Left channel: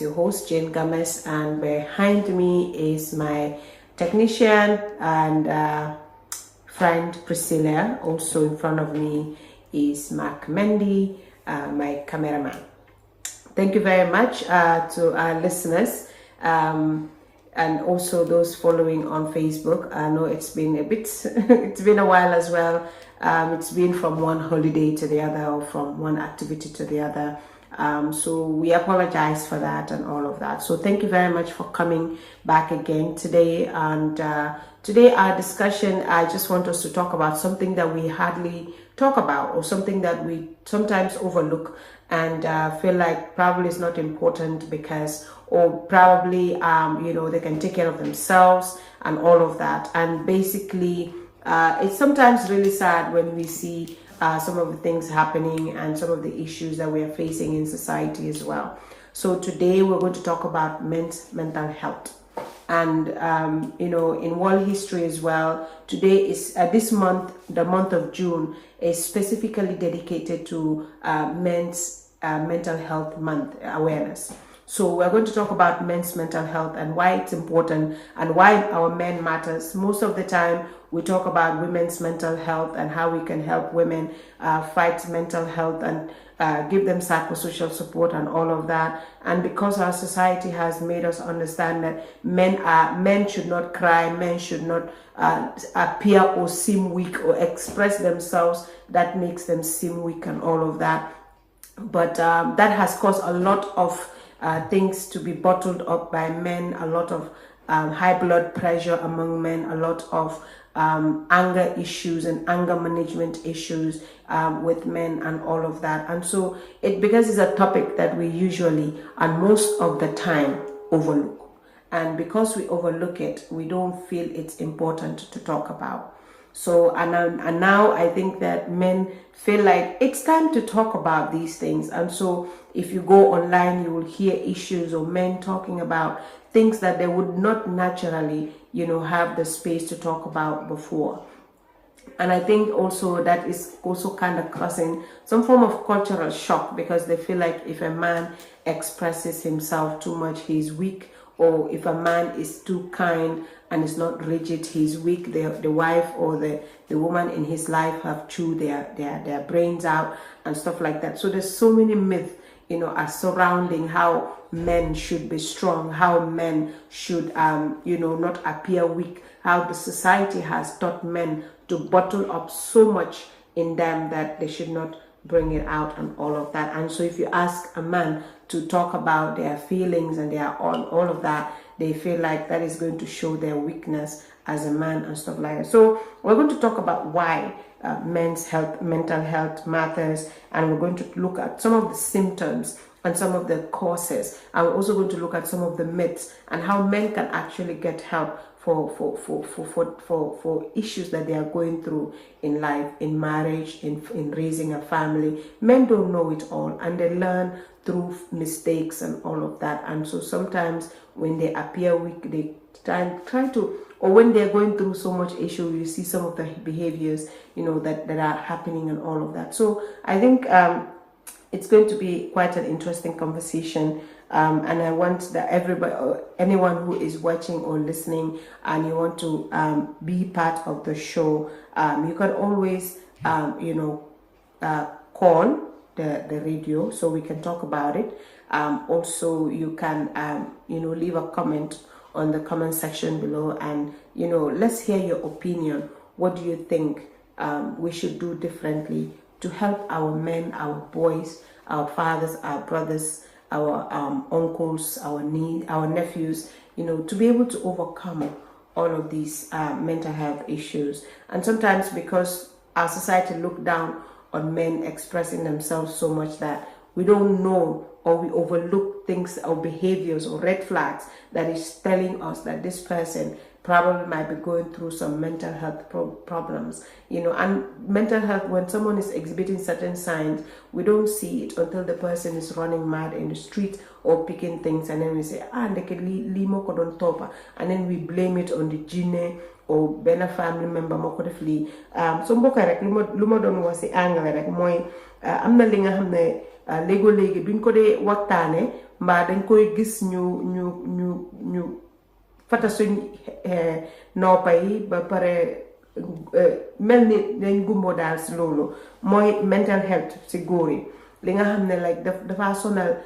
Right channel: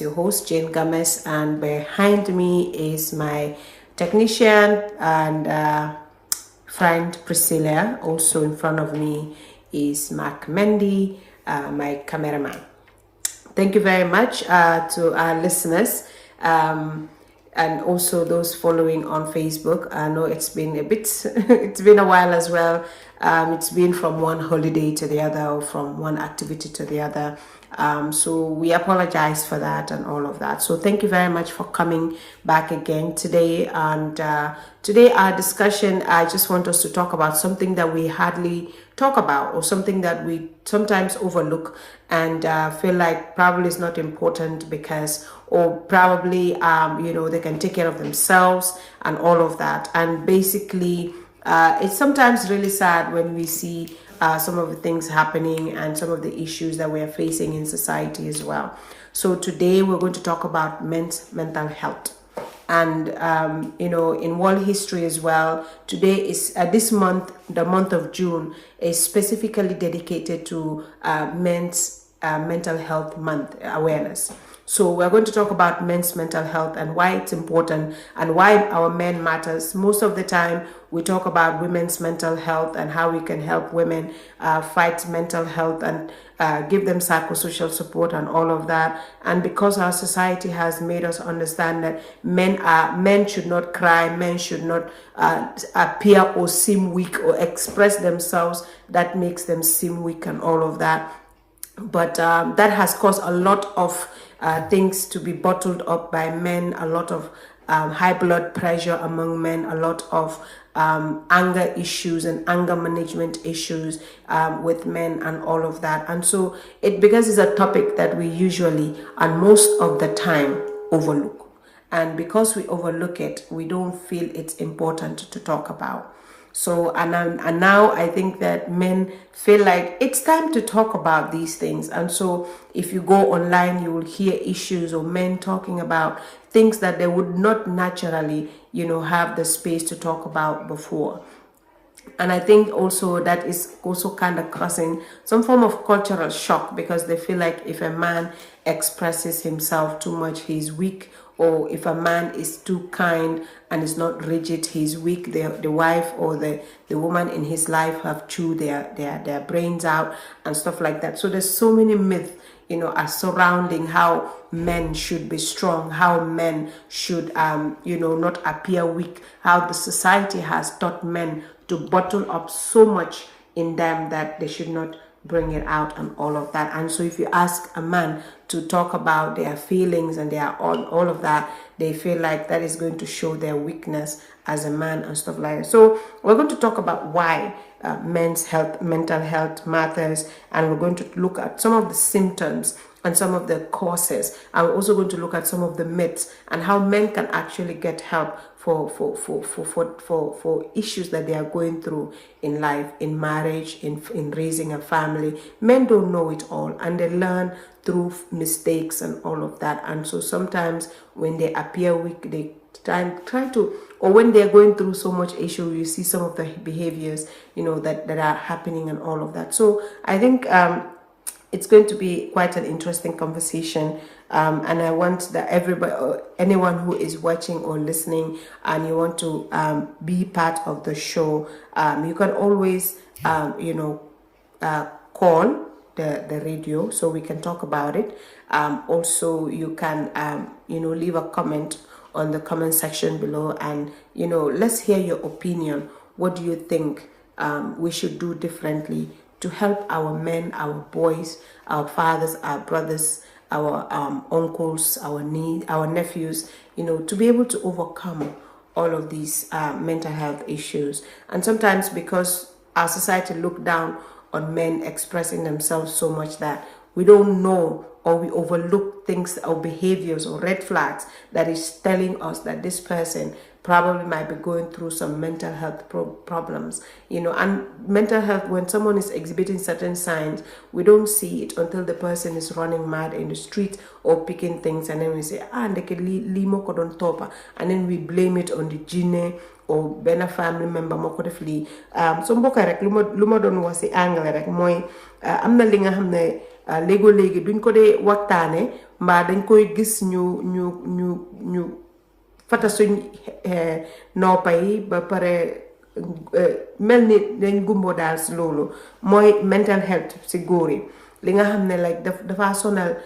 Your host Jane Gomez, and behind me is my technician and friend Priscilla. Also in front of me is Mark Mendy, my cameraman. Thank you very much to our listeners and also those following on Facebook. I know it's been a bit, it's been a while as well. It's been from one holiday to the other or from one activity to the other. So we apologize for that and all of that. So thank you very much for coming back again today. And today our discussion, I just want us to talk about something that we hardly talk about, or something that we sometimes overlook and feel like probably is not important because, or probably they can take care of themselves and all of that. And basically it's sometimes really sad when we see some of the things happening and some of the issues that we are facing in society as well. So today we're going to talk about men's mental health. And in world history as well, today is this month, the month of June, is specifically dedicated to men's mental health month awareness. So we're going to talk about men's mental health and why it's important and why our men matters. Most of the time we talk about women's mental health and how we can help women fight mental health and give them psychosocial support and all of that. And because our society has made us understand that men should not cry, men should not appear or seem weak or express themselves, that makes them seem weak and all of that. But that has caused a lot of things to be bottled up by men, a lot of high blood pressure among men, a lot of anger issues and anger management issues with men and all of that. And so because it's a topic that we usually and most of the time overlook. And because we overlook it, we don't feel it's important to talk about. So, and now I think that men feel like it's time to talk about these things. And so if you go online, you will hear issues or men talking about things that they would not naturally, have the space to talk about before. And I think also that is also kind of causing some form of cultural shock, because they feel like if a man expresses himself too much, he's weak. Or if a man is too kind and is not rigid, he's weak. The wife or the woman in his life have chewed their brains out and stuff like that. So there's so many myths, are surrounding how men should be strong, how men should, not appear weak, how the society has taught men to bottle up so much in them that they should not bring it out and all of that. And so if you ask a man to talk about their feelings and their all of that, they feel like that is going to show their weakness as a man and stuff like that. So we're going to talk about why men's mental health matters, and we're going to look at some of the symptoms and some of the causes, and we're also going to look at some of the myths and how men can actually get help for issues that they are going through in life, in marriage, in raising a family. Men don't know it all, and they learn through mistakes and all of that. And so sometimes when they appear weak, they try to, or when they're going through so much issue, you see some of the behaviors, that are happening and all of that. So I think it's going to be quite an interesting conversation. And I want that everybody, anyone who is watching or listening and you want to be part of the show, you can always, call the radio so we can talk about it. Also, you can, leave a comment on the comment section below, and, let's hear your opinion. What do you think we should do differently to help our men, our boys, our fathers, our brothers, our uncles, our nephews, to be able to overcome all of these mental health issues. And sometimes because our society look down on men expressing themselves so much that we don't know, or we overlook things or behaviors or red flags that is telling us that this person probably might be going through some mental health problems, and mental health, when someone is exhibiting certain signs, we don't see it until the person is running mad in the street or picking things, and then we say, and then we blame it on the gene or bena family member mo ko def li so mbokk rek luma doon wax ci anglais rek moy amna li nga xamne léegi duñ ko dee waxtaane mbaa dañ koy gis ñu fata suñ noppa yi ba pare mel ni dañ gumbo daal si loolu mooy mental health si góor yi li nga xam ne like dafa sonal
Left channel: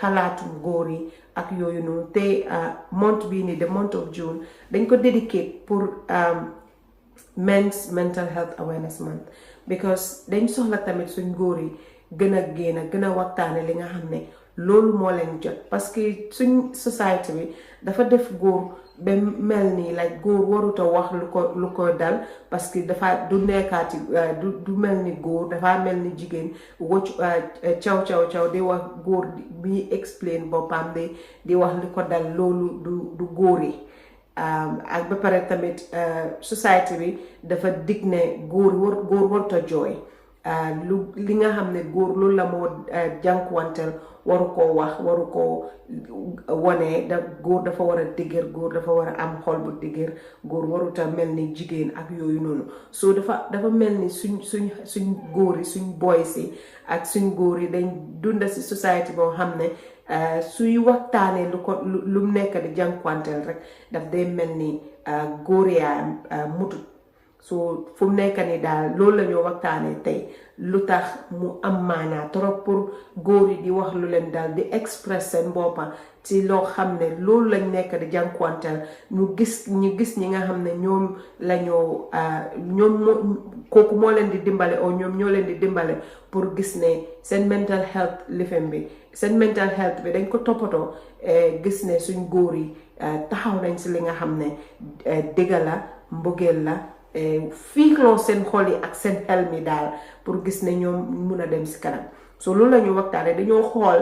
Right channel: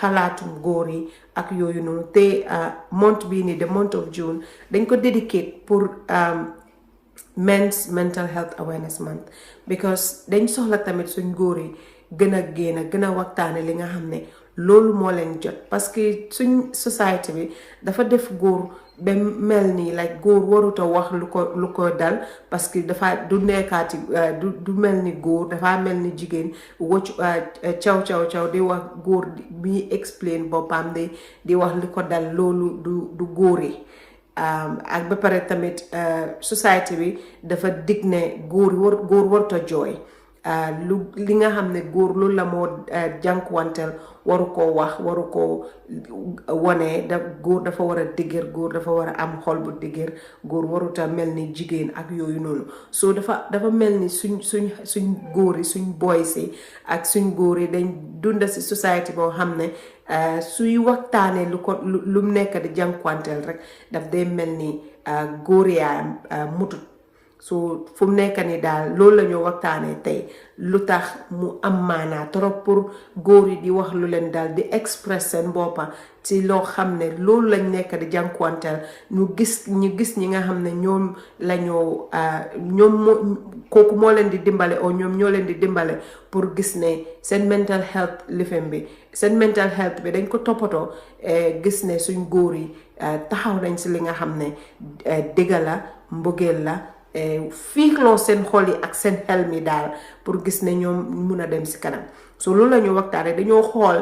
xalaatu góor yi ak yooyu noonu te month bii nii the month of June dañ ko dedicate pour men's mental health awareness month because dañ soxla tamit suñ góor yi gën a waxtaane li nga xam ne loolu moo leen jot parce que suñ society bi dafa def góor ba mel nii like góor waruta wax lu ko dal parce que dafa du nekkaati du mel ni góor dafa mel ni jigéen wocc caw di wax góor bi explain boppam di wax li ko dal loolu du góor yi ak ba pare tamit society bi dafa dig ne góor warta jooy li nga xam ne góor loolu la moo jànkuwanteel waru koo wax waru koo wane góor dafa war a dëgër góor dafa war a am xol bu dëgër góor waruta mel ni jigéen ak yooyu noonu so dafa mel ni suñ góor yi suñ boys yi ak suñ góor yi dañ dunda si society boo xam ne suy waxtaanee lu mu nekk di jànkuwanteel rek daf day mel ni góor yaayam mutut so fu mu nekk ni daal loolu la ñoo waxtaanee tey lu tax mu am maanaa trop pour góor yi di wax lu leen daal di express seen boppa ci loo xam ne loolu lañ nekk di jànkuwanteel ñu gis ñi nga xam ne ñoom la ñoo kooku moo leen di dimbale o ñoom ñoo leen di dimbale pour gis ne seen mental health lifem bi seen mental health bi dañ ko toppatoo gis ne suñ góor yi taxaw nañ si li nga xam ne dëgga la mbëggeel la fiikloo seen xol yi ak seen xel mi daal pour gis ne ñoom mun a dem si kanam so loolu la ñu waxtaane dañoo xool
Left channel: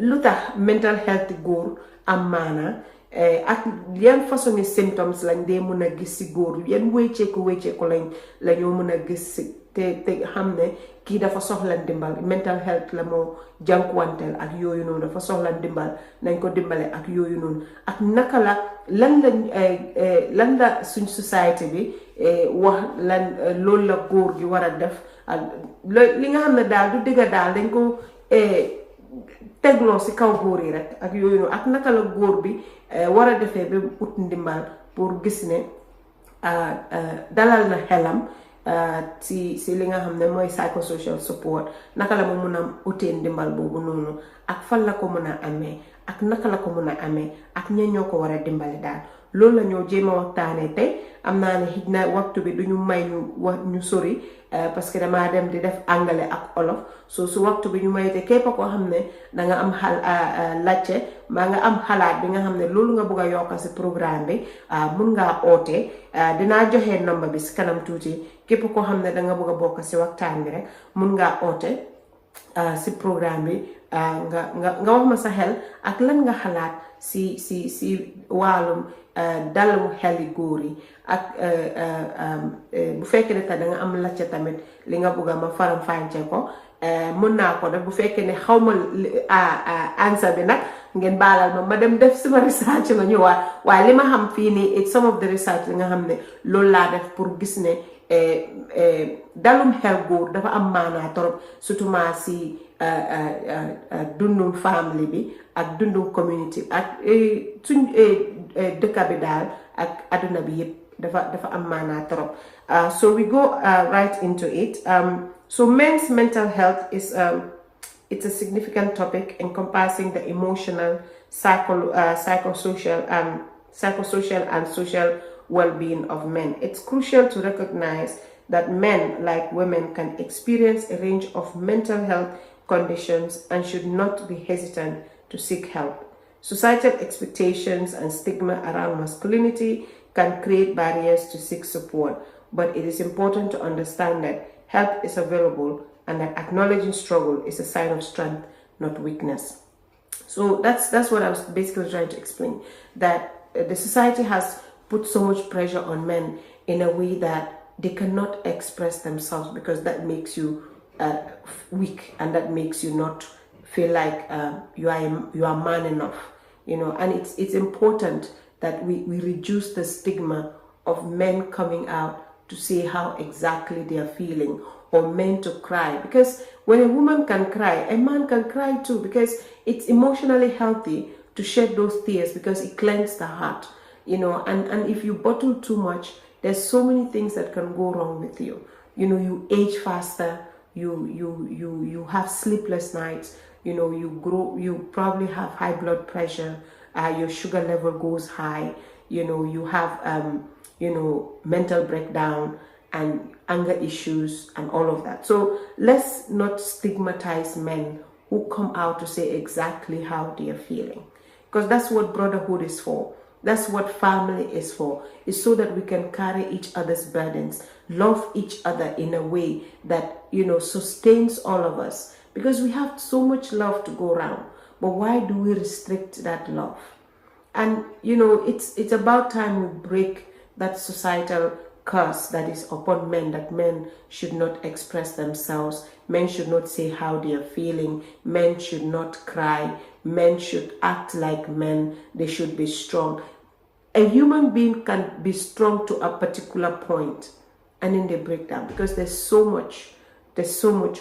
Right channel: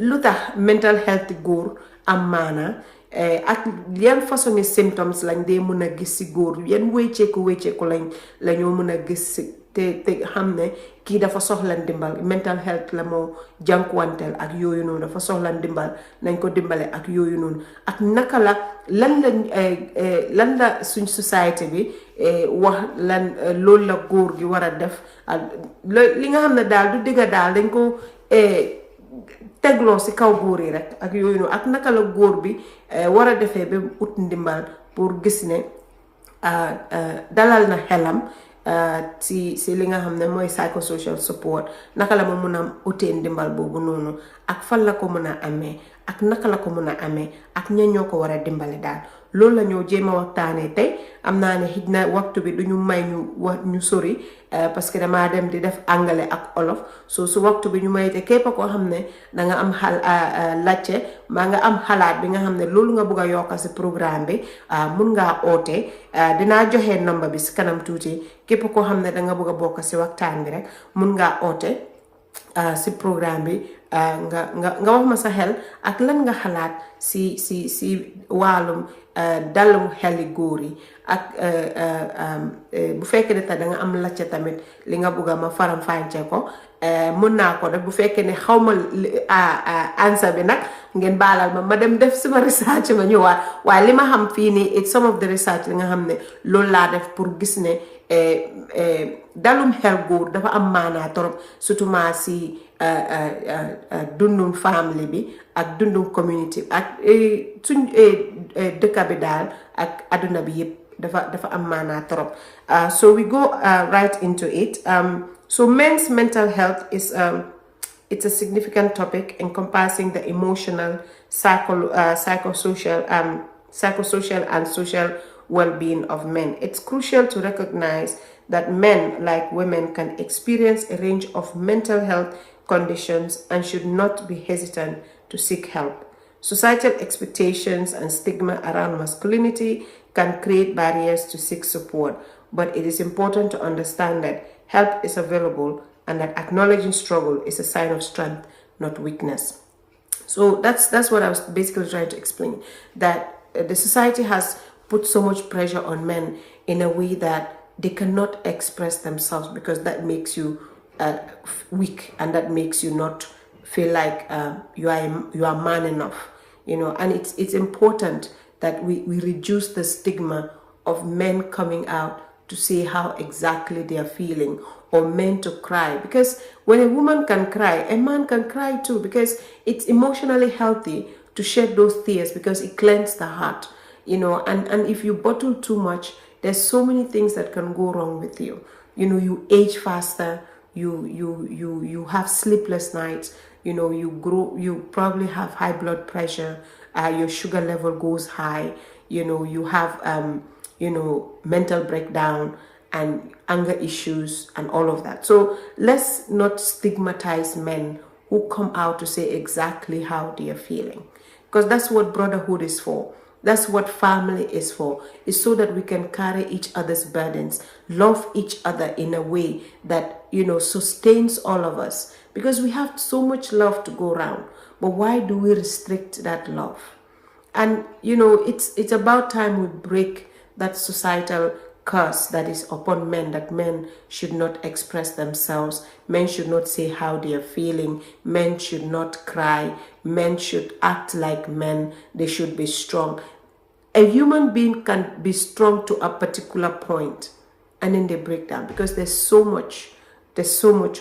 lu tax mental health góor am maana ak yan façon ni symptoms lañ dee mun a gis si góor yan wécceeku la ñoo mun a gis si te xam ne kii dafa soxla ndimbal mental health la moo jànkuwanteel ak yooyu noonu dafa soxla ndimbal nañ ko dimbale ak yooyu noonu ak naka la lan la suñ société bi wax loolu la góor gi war a def li nga xam ne daal du digga daal dañ ko tegloo si kaw góor yi rek ak yooyu noonu ak naka la góor bi war a defee ba ut ndimbal pour gis ne dalal na xelam si li nga xam ne mooy psychosocial support naka la ma mun a utee ndimbal boobu noonu ak fan la ko mun a amee ak naka la ko mun a amee ak ña ñoo ko war a dimbali daal loolu la ñoo jéem a waxtaanee tey am naa ne xëj na waxtu bi duñu may ñu sori parce que damaa dem di def anglais ak olof so su waxtu bi ñu may te képp koo xam ne danga am lacce maa nga am xalaat bi nga xam ne loolu nga bëgg a yokk si programme bi mun ngaa oote dinaa joxe number bi si kanam tuuti képp koo xam ne danga bëgg a bokk si waxtaan bi rek mun ngaa oote si programme bi nga wax ma sa xel ak lan nga xalaat si wàllum dalum xeli góor yi ak bu fekkee ne da nga am lacca tamit li nga bugg a ma faram fànce ko mën naa ko def bu fekkee ne xaw ma answer bi nag ngeen baalal ma dem def suma research ma ñëwaat waaye li ma xam fii nii it's some of the research li nga xam ne loolu laa def pour gis ne dalum xel góor dafa am maanaa torop surtout ma si dundum family bi ak dundum community ak suñ dëkka bi daal ak aduna bi yëpp dafa am maanaa torop so we go right into it so men's mental health is it's a significant topic encompassing the emotional psychosocial and social well-being of men. It's crucial to recognize that men, like women, can experience a range of mental health conditions and should not be hesitant to seek help. Societal expectations and stigma around masculinity can create barriers to seek support, but it is important to understand that help is available and that acknowledging struggle is a sign of strength, not weakness. So that's what I was basically trying to explain, that the society has put so much pressure on men in a way that they cannot express themselves because that makes you weak and that makes you not feel like you are man enough, and it's important that we reduce the stigma of men coming out to say how exactly they are feeling or men to cry, because when a woman can cry, a man can cry too, because it's emotionally healthy to shed those tears, because it cleanses the heart, and if you bottle too much, there's so many things that can go wrong with you. You age faster, you have sleepless nights, you probably have high blood pressure, your sugar level goes high, you have mental breakdown and anger issues and all of that. So let's not stigmatize men who come out to say exactly how they are feeling, because that's what brotherhood is for. That's what family is for. It's so that we can carry each other's burdens, love each other in a way that, sustains all of us. Because we have so much love to go around. But why do we restrict that love? And, it's about time we break that societal curse that is upon men, that men should not express themselves, men should not say how they are feeling, men should not cry, men should act like men, they should be strong. A human being can be strong to a particular point, and then they break down, because there's so much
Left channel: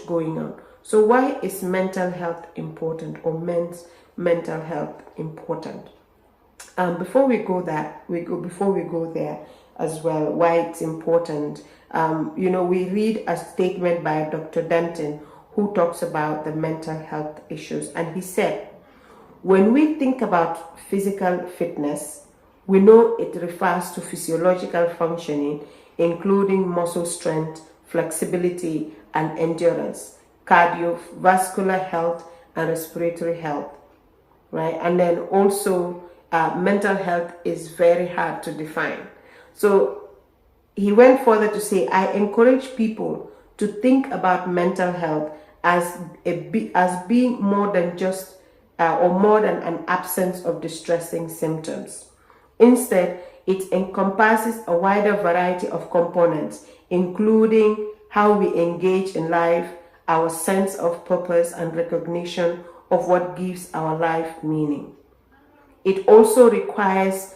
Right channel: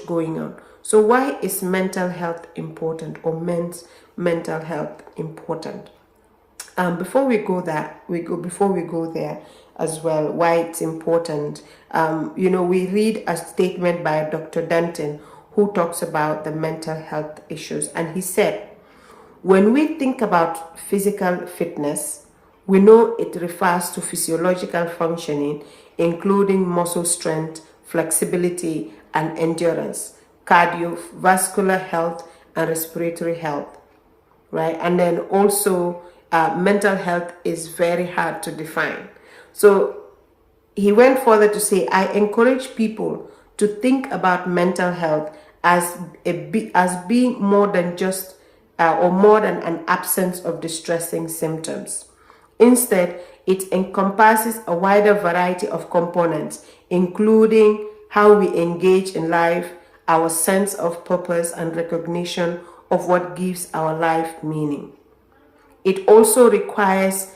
going on. So why is mental health important, or men's mental health important? Before we go there as well, why it's important, we read a statement by Dr. Denton, who talks about the mental health issues, and he said, when we think about physical fitness, we know it refers to physiological functioning, including muscle strength, flexibility, and endurance, cardiovascular health, and respiratory health, right? And then also, mental health is very hard to define. So he went further to say, I encourage people to think about mental health as being more than just or more than an absence of distressing symptoms. Instead, it encompasses a wider variety of components, including how we engage in life, our sense of purpose, and recognition of what gives our life meaning. It also requires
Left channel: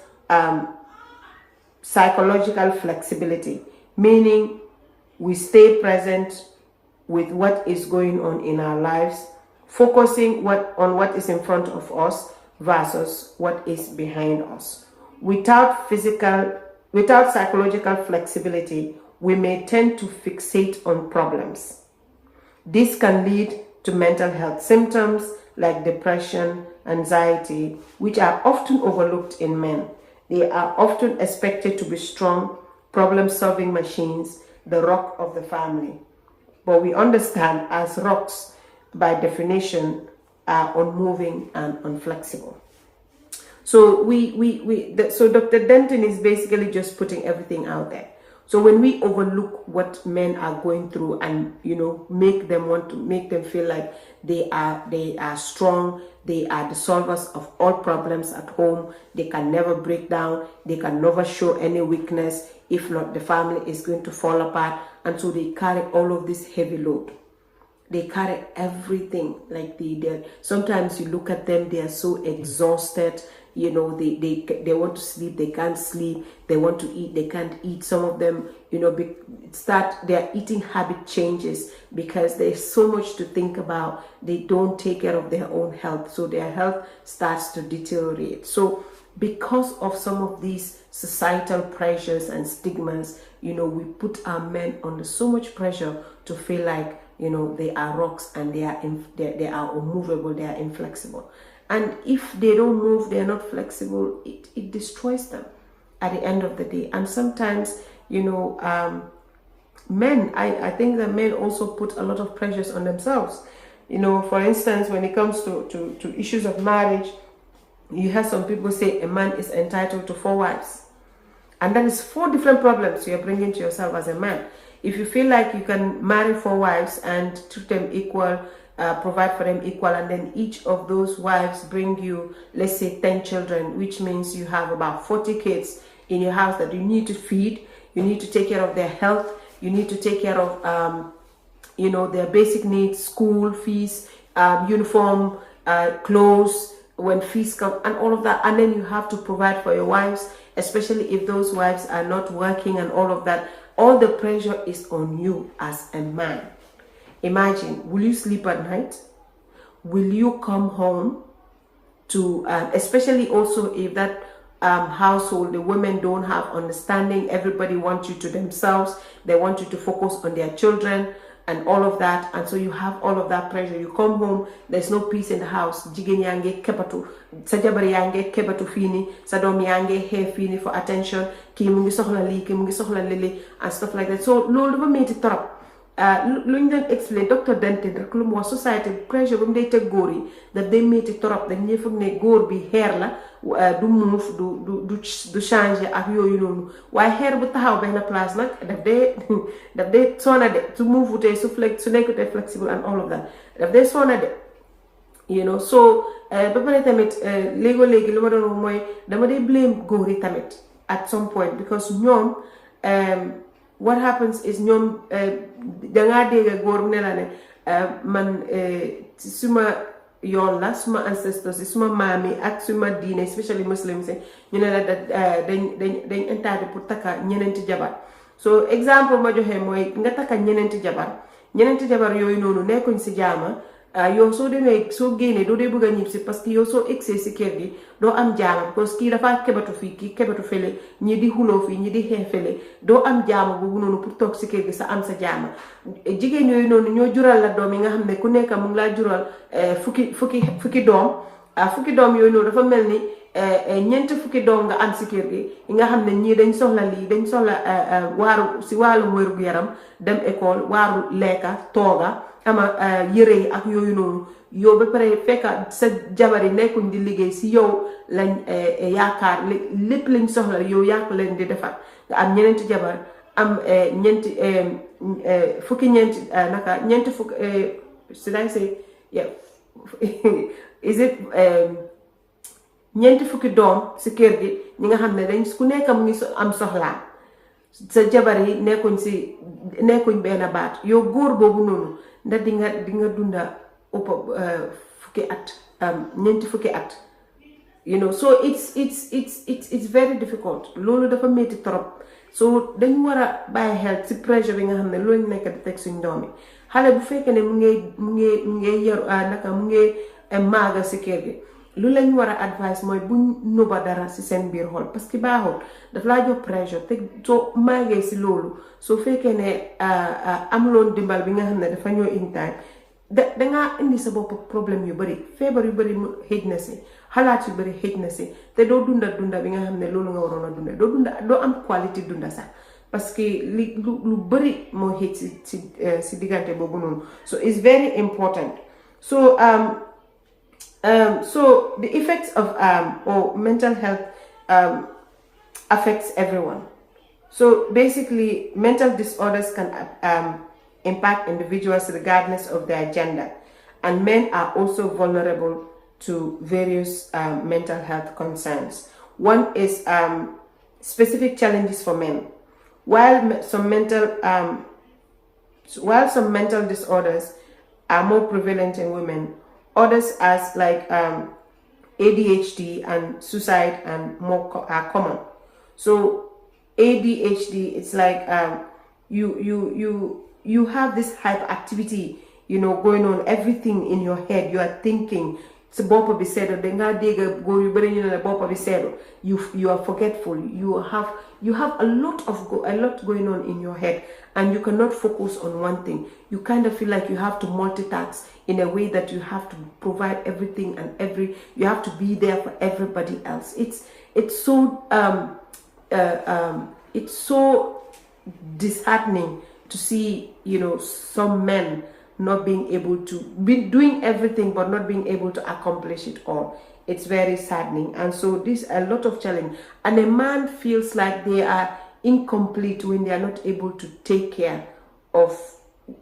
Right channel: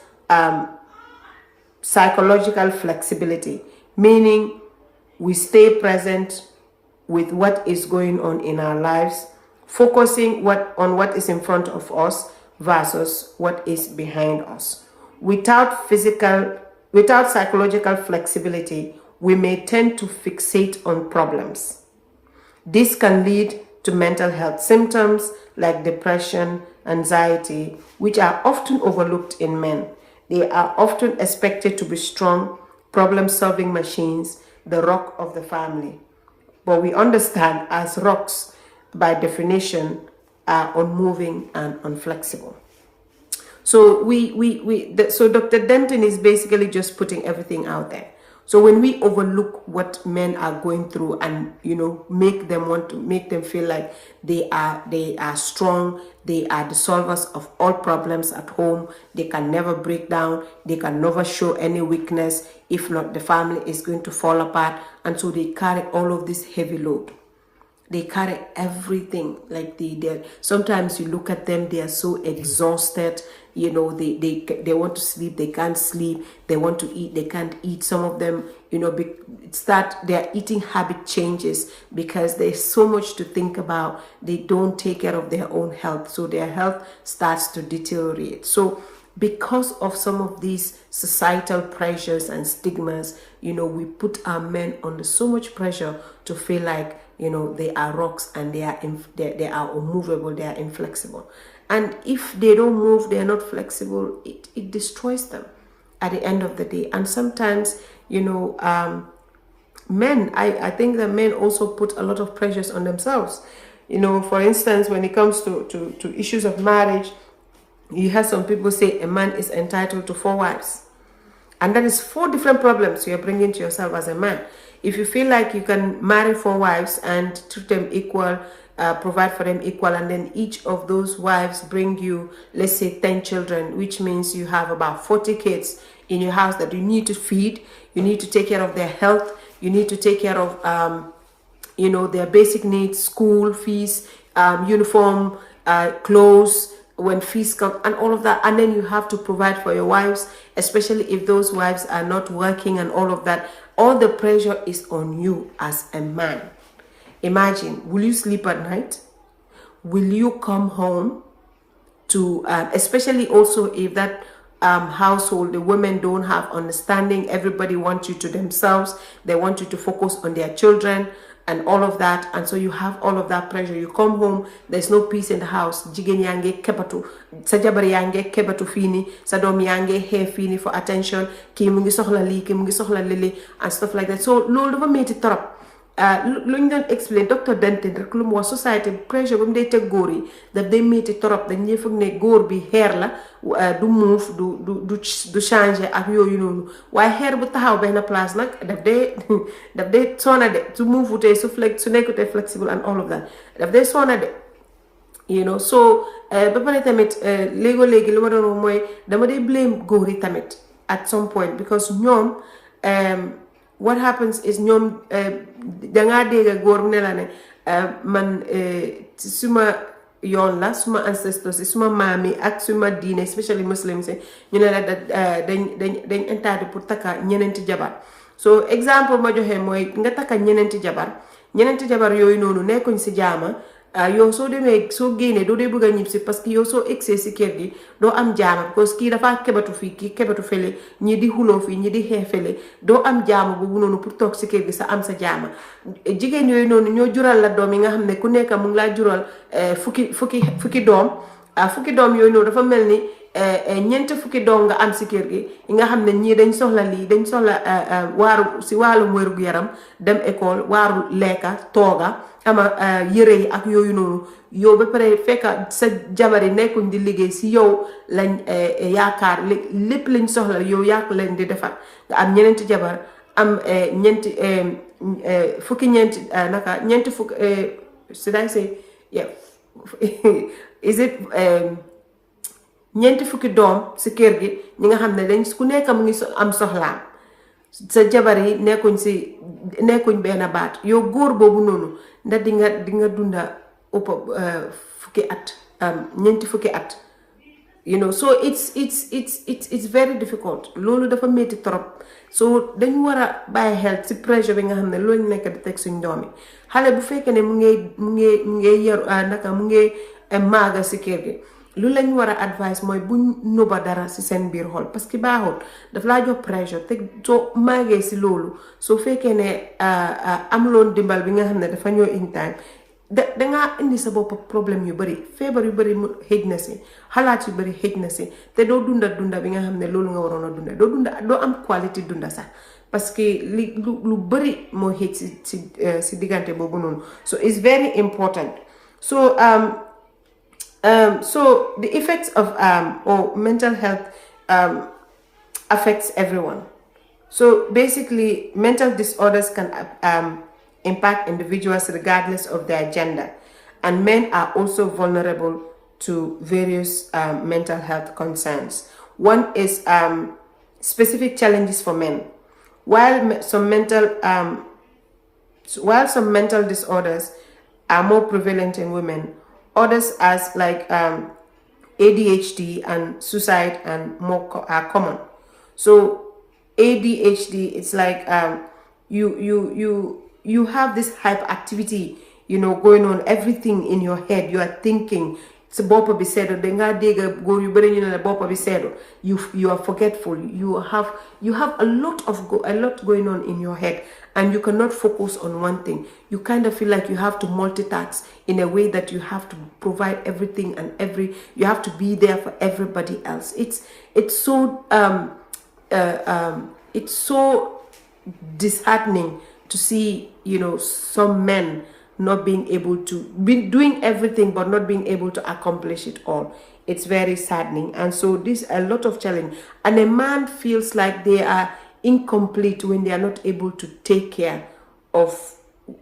psychological flexibility, meaning we stay present with what is going on in our lives, focusing on what is in front of us versus what is behind us. Without psychological flexibility, we may tend to fixate on problems. This can lead to mental health symptoms like depression, anxiety, which are often overlooked in men. They are often expected to be strong, problem-solving machines, the rock of the family. But we understand as rocks, by definition, are unmoving and inflexible. So so Dr. Denton is basically just putting everything out there. So when we overlook what men are going through and make them feel like they are strong, they are the solvers of all problems at home, they can never break down, they can never show any weakness. If not, the family is going to fall apart, and so they carry all of this heavy load. They carry everything. Like sometimes you look at them, they are so exhausted. They want to sleep, they can't sleep. They want to eat, they can't eat. Some of them, their eating habit changes because there's so much to think about. They don't take care of their own health, so their health starts to deteriorate. So because of some of these societal pressures and stigmas, we put our men under so much pressure to feel like they are rocks, and they are unmovable, they are inflexible. And if they don't move, they're not flexible, it destroys them at the end of the day. And sometimes, men, I think that men also put a lot of pressures on themselves. For instance, when it comes to issues of marriage, you hear some people say a man is entitled to 4 wives. And that is 4 different problems you're bringing to yourself as a man. If you feel like you can marry 4 wives and treat them equal, provide for them equal, and then each of those wives bring you, let's say, 10 children, which means you have about 40 kids in your house that you need to feed, you need to take care of their health, you need to take care of, their basic needs, school fees, uniform, clothes, when fees come and all of that, and then you have to provide for your wives, especially if those wives are not working and all of that. All the pressure is on you as a man. Imagine, will you sleep at night? Will you come home to, especially also if that household, the women don't have understanding, everybody wants you to themselves, they want you to focus on their children and all of that, and so you have all of that pressure. You come home, there's no peace in the house. Jigéen yaa ngi kebatu, sa jabar yaa ngi kebatu fii nii, sa doom yaa ngi xeex fii nii for attention, kii mu ngi soxla lii, kii mu ngi soxla lii and stuff like that. So loolu dafa metti torop. Lu ñu doon explain docteur Denton rek lu mu wax society pressure ba mu dee teg góor yi daf day metti torop. dañ ñuy foog ne góor bi xeer la du move du changer ak yooyu noonu, waaye xeer bu taxaw benn place nag daf dee sona de su move wutee su nekkutee flexible and all of that daf dee sona de, you know. So ba pare tamit léegi lu ma doon wax mooy dama dee blame góor yi tamit at some point, because ñoom what happens is ñoom dangaa dégg góor ne la ne man suma yoon la, suma ancestors yi, suma maam yi ak suma diine, especially muslims yi, ñu ne la dañ entitled pour takka ñeneenti jabar. So exemple ma joxe mooy nga takka ñeneenti jabar yooyu noonu nekkuñ si jaama. Yow soo demee soo génnee doo dee bëgg a ñib si, parce que yow soo egsee si kër gi doo am jaama, parce que kii dafa kebatu fii, kii kebatu fële, ñi di xuloo fii, ñi di xeex fële, doo am jaama boobu noonu pour toog si kër gi sa am sa jaama. Jigéen yooyu noonu ñoo jural la doom yi nga xam ne ku nekk mu ngi laa jural fukki doom yooyu noonu dafa mel ni ñeenti fukki doom nga am si kër gi yi nga xam ne ñii dañ soxla lii, dañ soxla wàllu wéru yaram, dem école, waaru lekka, tooga, ama yëre yi ak yooyu noonu. yow ba pare fekk sa jabar yi nekkuñ di liggéey si yow lañ yaakaar lépp lañ soxla yow yaa ko leen di defar. nga am ñeneenti jabar, am ñeenti fukki should I say yeah is it ñeenti fukki doom si kër gi ñi nga xam ne dañ ku nekk mu ngi am soxlaam, sa jabar yi nekkuñ benn baat. yow góor boobu noonu ndax di nga dunda fukki at, ñeenti fukki at, you know. So it's very difficult. loolu dafa métti trop. so dañu war a bàyyi xel ci pressure bi nga xam ne loolu nekk di teg suñ doom yi. xale bu fekkee ne mu ngi yaru mu ngi maaga si kër gi, lu lañ war a advice mooy buñ nuba dara si seen biir xol, parce que baaxul, daf laa jox pressure te soo maagee si loolu, soo fekkee ne amuloon dimbal bi nga xam ne dafa ñëw in time, dangaa indi sa bopp problème yu bari, feebar yu bari mu xëj na si, xalaat yu bari xëj na si, te doo dunda bi nga xam ne loolu nga waroon a dunda, doo am qualité dunda sax, parce que lu bari moo xëj si diggante boobu noonu. So it's very important. So so the effects of or mental health affects everyone. So basically, mental disorders can impact individuals regardless of their gender, and men are also vulnerable to various mental health concerns. One is specific challenges for men. While some mental disorders are more prevalent in women, others as like ADHD and suicide and more are common. So ADHD, it's like you have this hyperactivity, you know, going on, everything in your head. You are thinking. You are forgetful. You have a lot going on in your head, and you cannot focus on one thing. You kind of feel like you have to multitask in a way that you have to provide everything and you have to be there for everybody else. It's so disheartening to see, you know, some men not being able to be doing everything but not being able to accomplish it all. It's very saddening. And so this a lot of challenge, and a man feels like they are incomplete when they are not able to take care of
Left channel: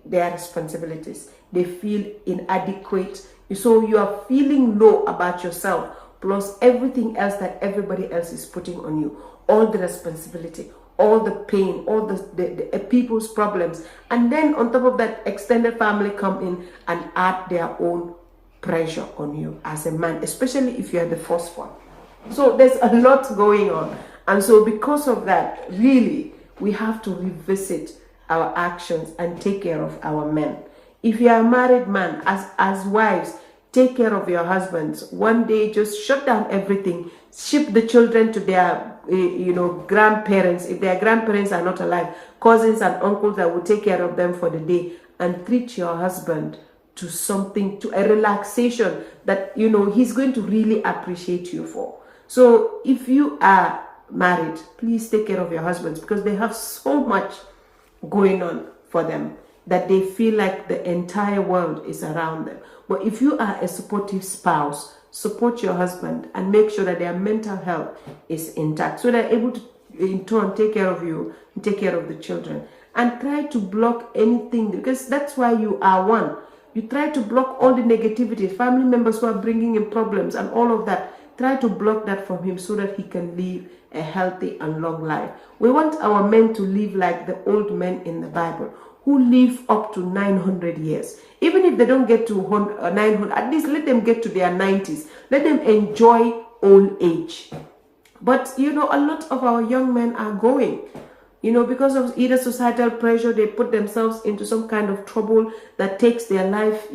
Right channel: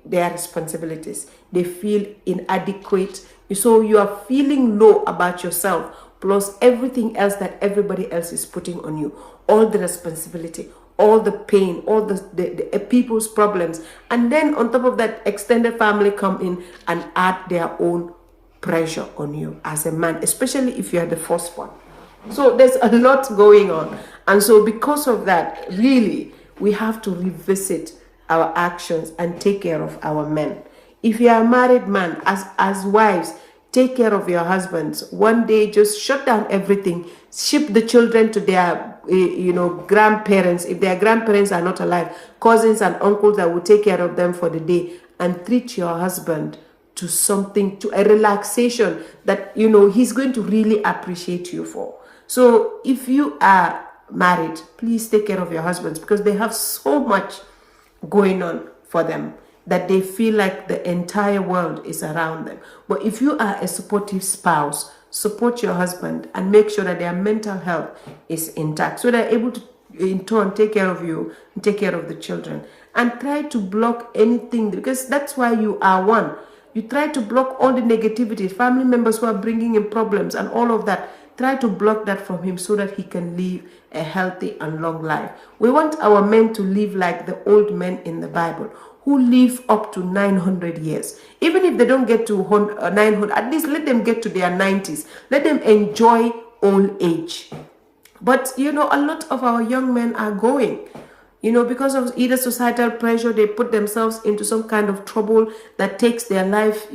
their responsibilities. They feel inadequate. So you are feeling low about yourself, plus everything else that everybody else is putting on you, all the responsibility, all the pain, all the people's problems, and then on top of that, extended family come in and add their own pressure on you as a man, especially if you're the first one. So there's a lot going on. And so because of that, really, we have to revisit our actions and take care of our men. If you are a married man, as wives, take care of your husbands. One day, just shut down everything. Ship the children to their, grandparents. If their grandparents are not alive, cousins and uncles that will take care of them for the day. And treat your husband to something, to a relaxation that, he's going to really appreciate you for. So if you are married, please take care of your husbands, because they have so much going on for them that they feel like the entire world is around them. But if you are a supportive spouse, support your husband and make sure that their mental health is intact, so they're able to in turn take care of you and take care of the children. And try to block anything, because that's why you are one. You try to block all the negativity, family members who are bringing in problems and all of that. Try to block that from him so that he can live a healthy and long life. We want our men to live like the old men in the Bible, who live up to 900 years. Even if they don't get to 900, at least let them get to their 90s. Let them enjoy old age. But, a lot of our young men are going, because of either societal pressure, they put themselves into some kind of trouble that takes their life,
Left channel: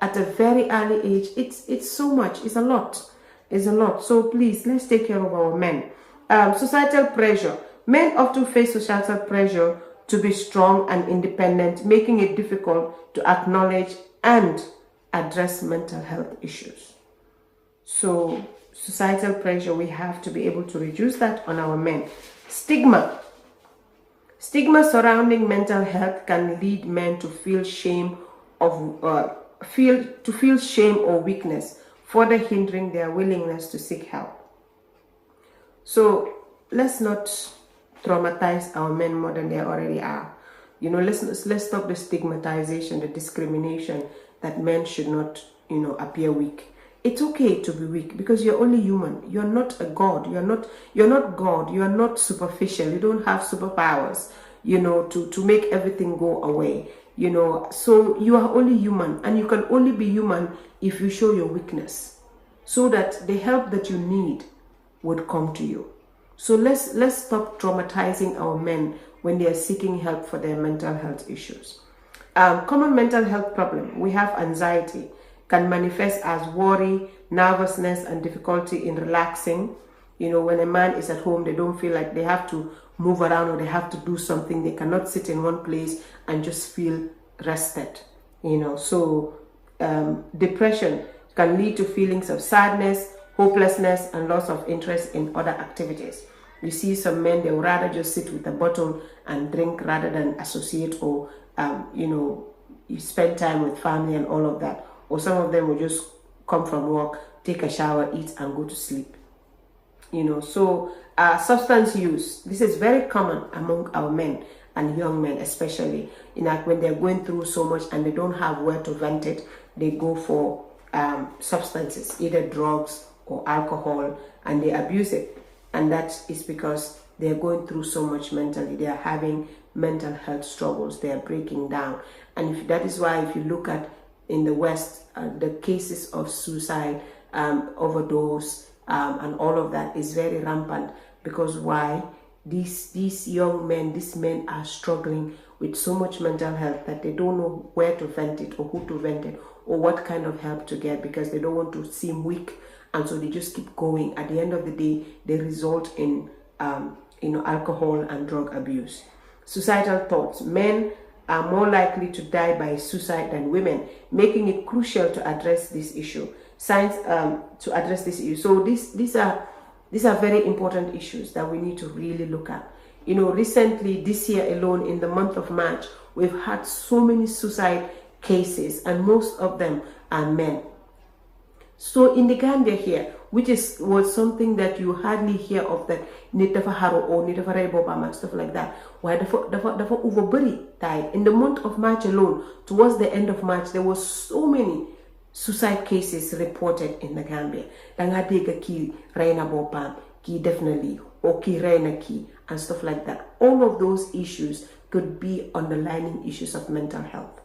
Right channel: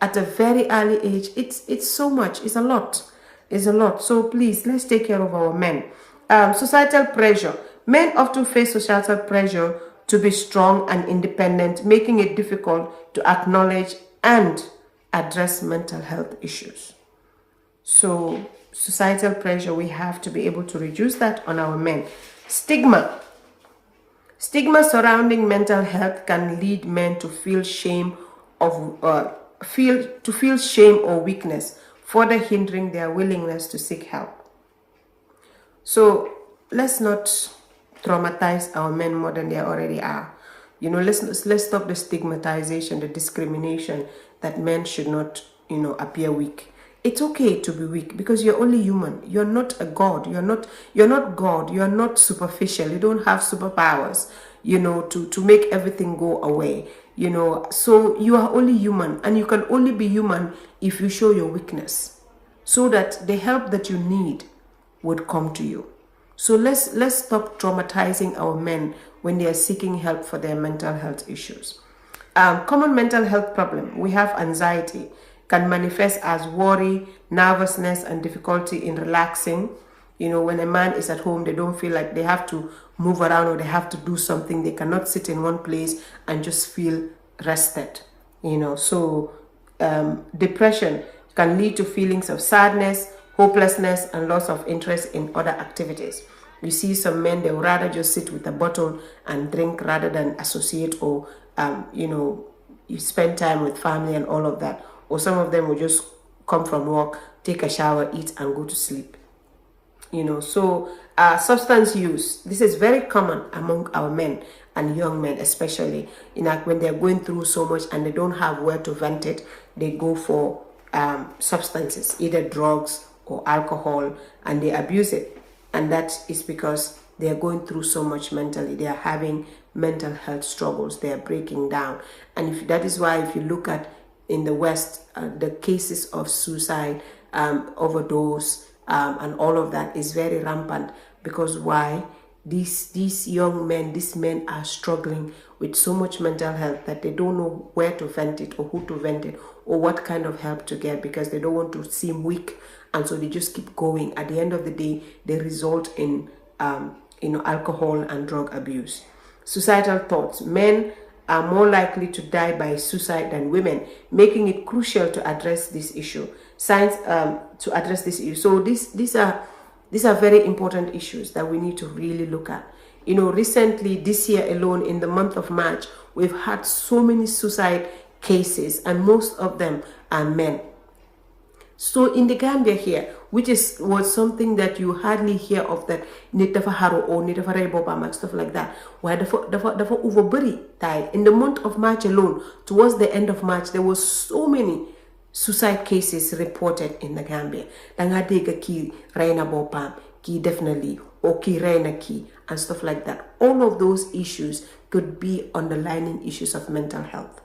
at a very early age. It's so much. It's a lot. It's a lot. So please, let's take care of our men. Societal pressure. Men often face societal pressure to be strong and independent, making it difficult to acknowledge and address mental health issues. So societal pressure, we have to be able to reduce that on our men. Stigma. Stigma surrounding mental health can lead men to feel shame or weakness, further hindering their willingness to seek help. So let's not traumatize our men more than they already are. Let's stop the stigmatization, the discrimination that men should not, appear weak. It's okay to be weak, because you're only human. You're not a god. You're not God. You're not superficial. You don't have superpowers, to make everything go away. So you are only human, and you can only be human if you show your weakness, so that the help that you need would come to you. So let's stop traumatizing our men when they are seeking help for their mental health issues. Common mental health problem. We have anxiety. Can manifest as worry, nervousness, and difficulty in relaxing. When a man is at home, they don't feel like they have to move around or they have to do something. They cannot sit in one place and just feel rested. So depression can lead to feelings of sadness, hopelessness, and loss of interest in other activities. You see some men, they would rather just sit with a bottle and drink rather than associate or, you spend time with family and all of that. Or some of them will just come from work, take a shower, eat, and go to sleep. So substance use. This is very common among our men and young men, especially. When they're going through so much and they don't have where to vent it, they go for substances, either drugs or alcohol, and they abuse it. And that is because they are going through so much mentally. They are having mental health struggles. They are breaking down. And that is why if you look at in the West, the cases of suicide, overdose, and all of that is very rampant. Because why? These young men, these men are struggling with so much mental health that they don't know where to vent it or who to vent it or what kind of help to get, because they don't want to seem weak, and so they just keep going. At the end of the day, they result in alcohol and drug abuse. Societal thoughts. Men are more likely to die by suicide than women, making it crucial to address this issue. Science to address this issue. So these are very important issues that we need to really look at. Recently, this year alone, in the month of March, we've had so many suicide cases, and most of them are men. So in the Gambia here, which was something that you hardly hear of, that Nitafaharo or Nitafare stuff like that, where the overbury died. In the month of March alone, towards the end of March, there were so many suicide cases reported in the Gambia. Dangadega ki Raina Bopam, ki definitely, or ki Raina ki, and stuff like that. All of those issues could be underlying issues of mental health.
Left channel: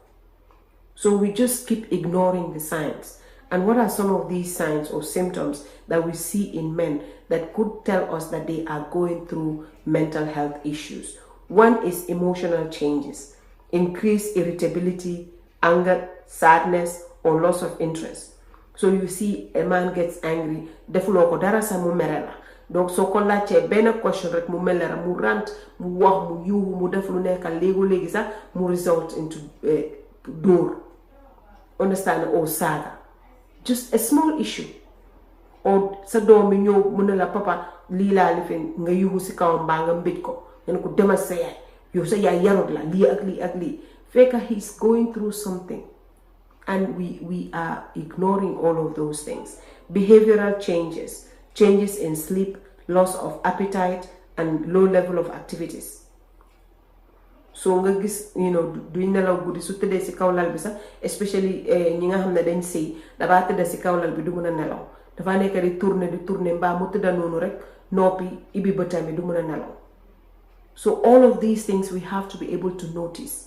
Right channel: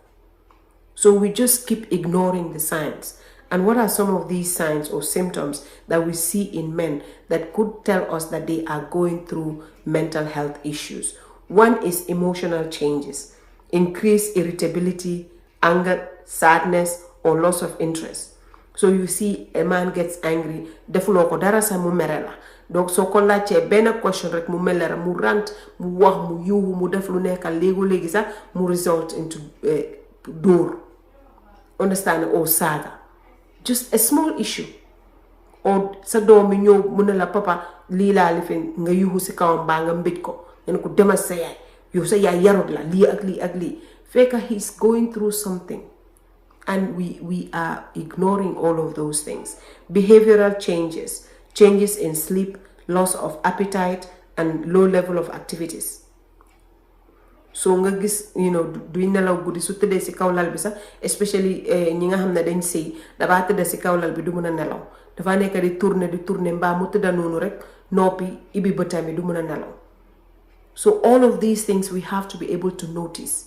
So we just keep ignoring the signs. And what are some of these signs or symptoms that we see in men that could tell us that they are going through mental health issues? One is emotional changes, increased irritability, anger, sadness, or loss of interest. So you see a man gets angry, defuloo ko dara sa mu mere la. Donc soo ko laajtee benn question rek mu mel mu rant, mu wax, mu yuuxu, mu def lu nekk léegi sax mu result into dóor, understand, or saaga. Just a small issue. Or sa doom mi ñëw mu ne la papa lii laa lifin nga yuuxu si kawam mbaa nga mbéj ko nga ne ko demal sa yaay yow sa yaay yarut la lii ak lii ak lii fekk he's going through something, and we are ignoring all of those things. Behavioral changes, changes in sleep, loss of appetite, and low level of activities. So nga gis du nelaw guddi su tëddee si kaw lal bi sax, especially ñi nga xam ne dañ sëy dafa tëdd si kaw lal bi du mën a nelaw, dafa nekk di tourner mbaa mu tëdda noonu rek noppi ibi bëtam bi du mën a nelaw. So all of these things we have to be able to notice.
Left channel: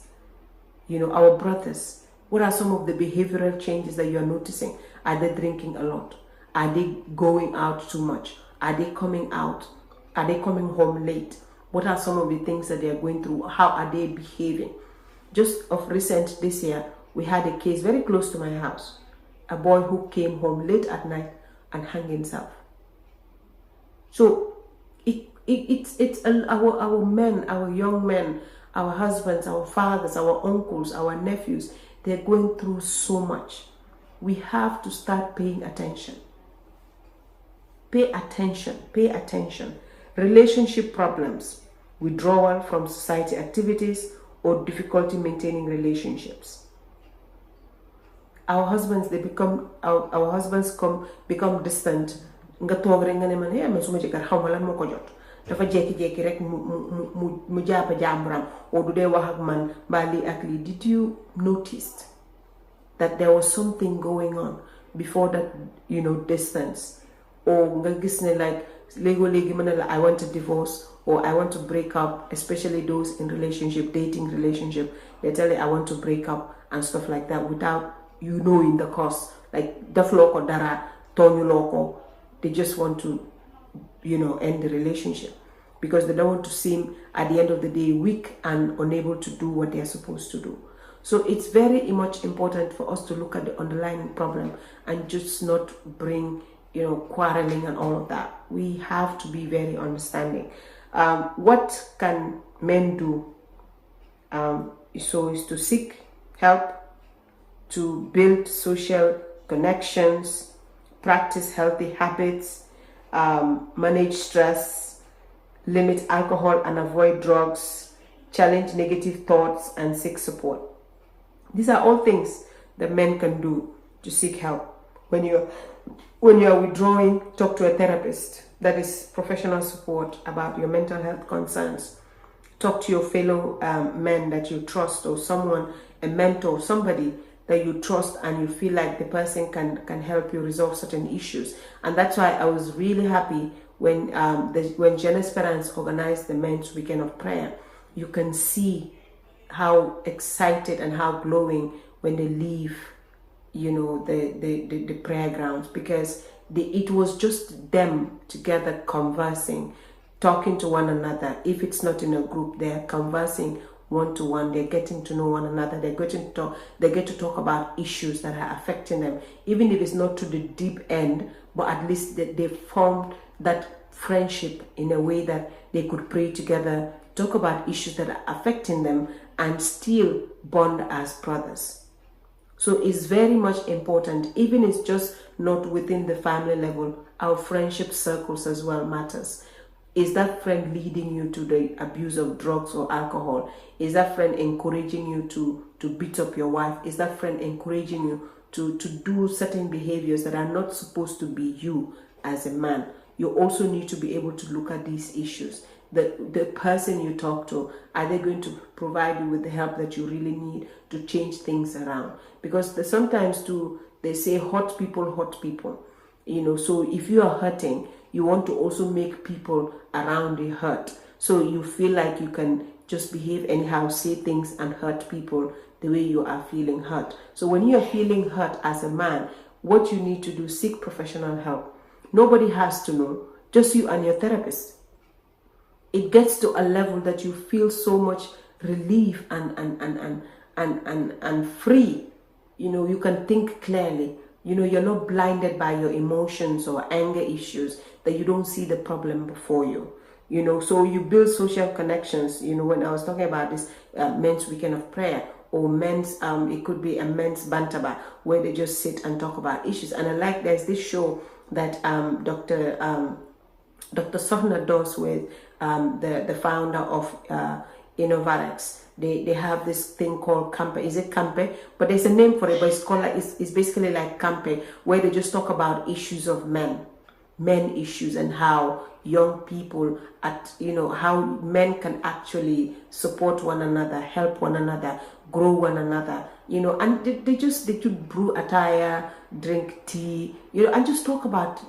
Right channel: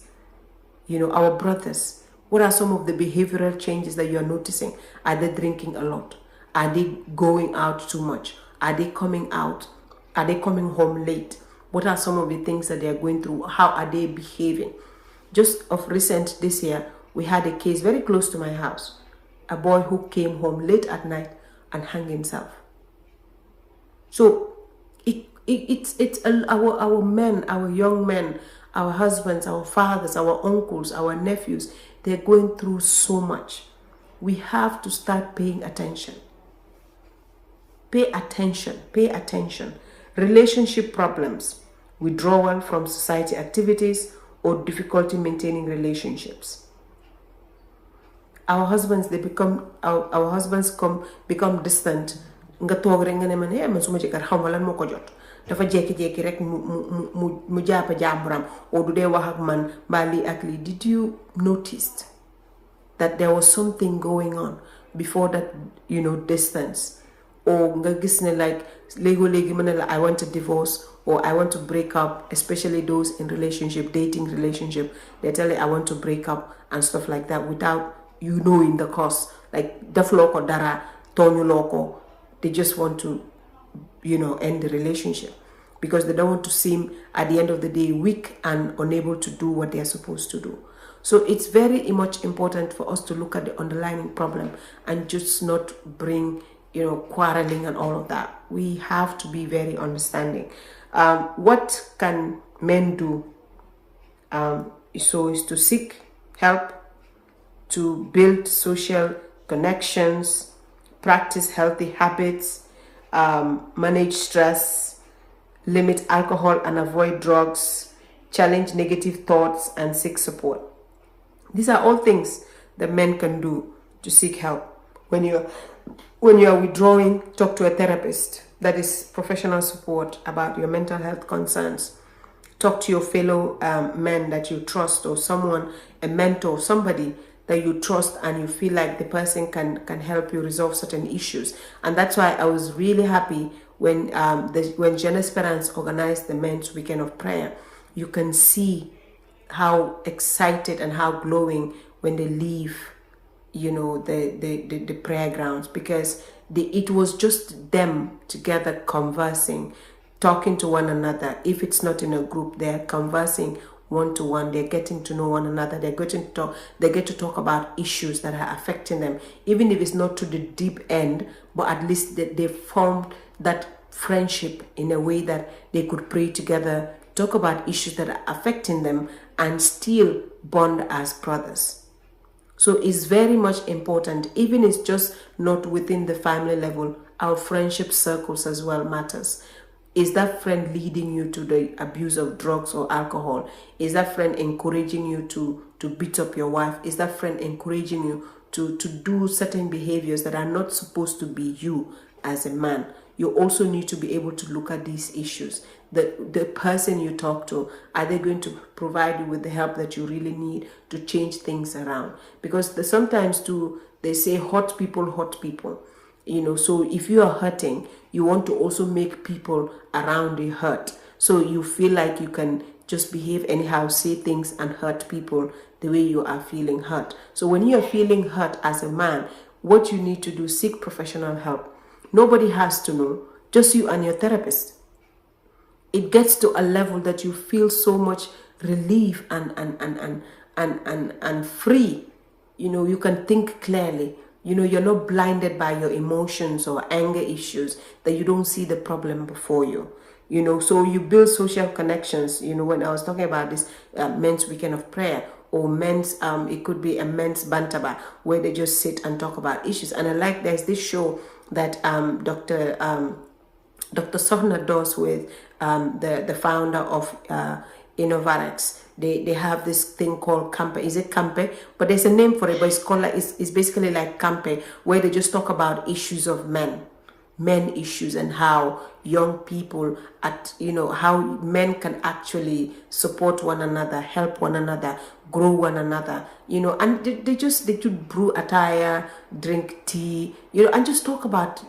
Our brothers, what are some of the behavioral changes that you're noticing? Are they drinking a lot? Are they going out too much? Are they coming out? Are they coming home late? What are some of the things that they're going through? How are they behaving? Just of recent this year, we had a case very close to my house. A boy who came home late at night and hung himself. So it's our men, our young men, our husbands, our fathers, our uncles, our nephews, they're going through so much. We have to start paying attention. Pay attention. Relationship problems, withdrawal from society activities, or difficulty maintaining relationships. Our husbands become distant. Nga toog rek nga ne man man suma jëkkër xaw ma lan moo ko jot dafa jékki-jékki rek mu jàppa jàmburam oo du dee wax ak man mbaa lii ak lii. Did you notice that there was something going on before that distance? Or nga gis ne like léegi mu ne la I want to divorce or I want to break up, especially those in dating relationship, they tell you I want to break up and stuff like that without knowing the cause. Like defuloo ko dara, tooñuloo ko. They just want to, end the relationship because they don't want to seem, at the end of the day, weak and unable to do what they're supposed to do. So it's very much important for us to look at the underlying problem and just not bring, quarreling and all of that. We have to be very understanding. What can men do? So is to seek help, to build social connections, practice healthy habits, manage stress, limit alcohol and avoid drugs, challenge negative thoughts, and seek support. These are all things that men can do to seek help. When you are withdrawing, talk to a therapist. That is professional support about your mental health concerns. Talk to your fellow men that you trust, or someone, a mentor, somebody that you trust and you feel like the person can help you resolve certain issues. And that's why I was really happy when Jeune Esperance organized the Men's Weekend of Prayer. You can see how excited and how glowing when they leave, the prayer grounds, because it was just them together conversing, talking to one another. If it's not in a group, they're conversing one-to-one, they're getting to know one another, they get to talk about issues that are affecting them, even if it's not to the deep end, but at least they formed that friendship in a way that they could pray together, talk about issues that are affecting them, and still bond as brothers. So it's very much important, even if it's just not within the family level, our friendship circles as well matters. Is that friend leading you to the abuse of drugs or alcohol? Is that friend encouraging you to beat up your wife? Is that friend encouraging you to do certain behaviors that are not supposed to be you as a man? You also need to be able to look at these issues. The person you talk to, are they going to provide you with the help that you really need to change things around? Because sometimes they say hurt people. So if you are hurting, you want to also make people around you hurt. So you feel like you can just behave anyhow, say things and hurt people the way you are feeling hurt. So when you are feeling hurt as a man, what you need to do, seek professional help. Nobody has to know, just you and your therapist. It gets to a level that you feel so much relief and free. You can think clearly. You're not blinded by your emotions or anger issues, that you don't see the problem before you. So you build social connections. When I was talking about this men's weekend of prayer, or men's, it could be a men's bantaba, where they just sit and talk about issues. And I like, there's this show that Dr. Sovna does with the founder of Innovarex. They have this thing called Campe. Is it Campe? But there's a name for it, but it's called it's basically like Campe, where they just talk about issues of men issues, and how young people how men can actually support one another, help one another, grow one another, and they could brew attire, drink tea, and just talk about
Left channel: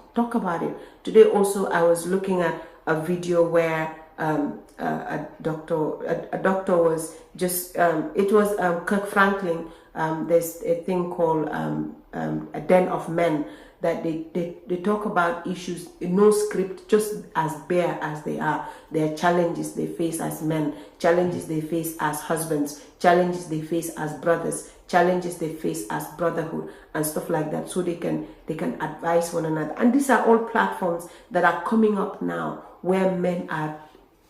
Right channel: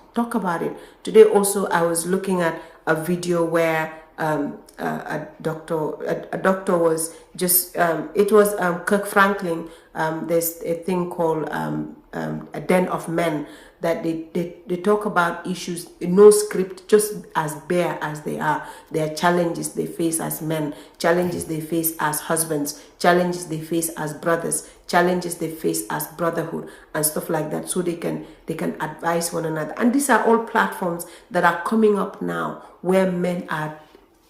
it. Today also I was looking at a video where a doctor was just it was Kirk Franklin. There's a thing called a den of men, that they talk about issues, no script, just as bare as they are. There are challenges they face as men, challenges they face as husbands, challenges they face as brothers, challenges they face as brotherhood, and stuff like that, so they can advise one another. And these are all platforms that are coming up now, where men are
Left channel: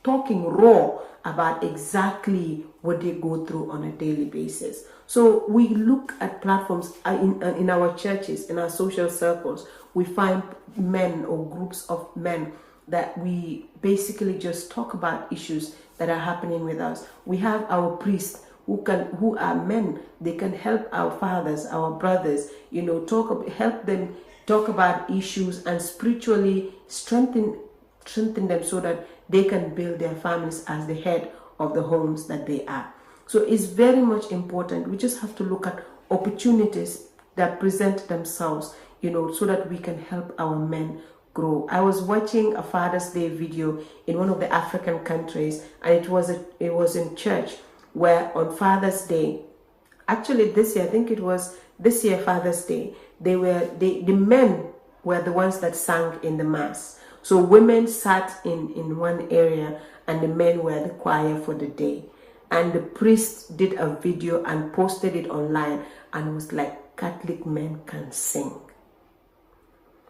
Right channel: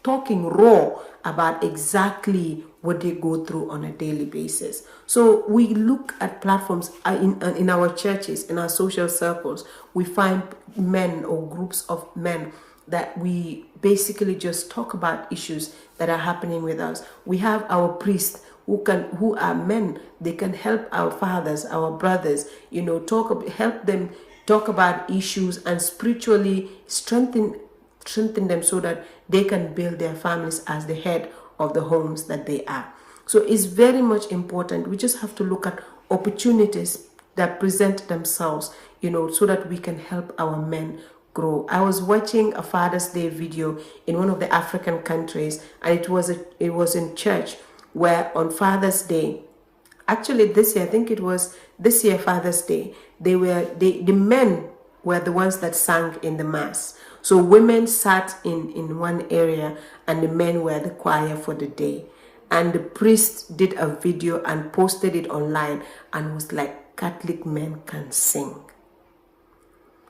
talking raw about exactly what they go through on a daily basis. So we look at platforms in our churches, in our social circles. We find men or groups of men that we basically just talk about issues that are happening with us. We have our priests who are men. They can help our fathers, our brothers, help them talk about issues and spiritually strengthen them, so that they can build their families as the head of the homes that they are. So it's very much important. We just have to look at opportunities that present themselves, so that we can help our men grow. I was watching a Father's Day video in one of the African countries, and it was in church, where on Father's Day, actually this year, I think it was this year Father's Day, the men were the ones that sang in the mass. So women sat in one area, and the men were the choir for the day. And the priest did a video and posted it online, and was like, Catholic men can sing.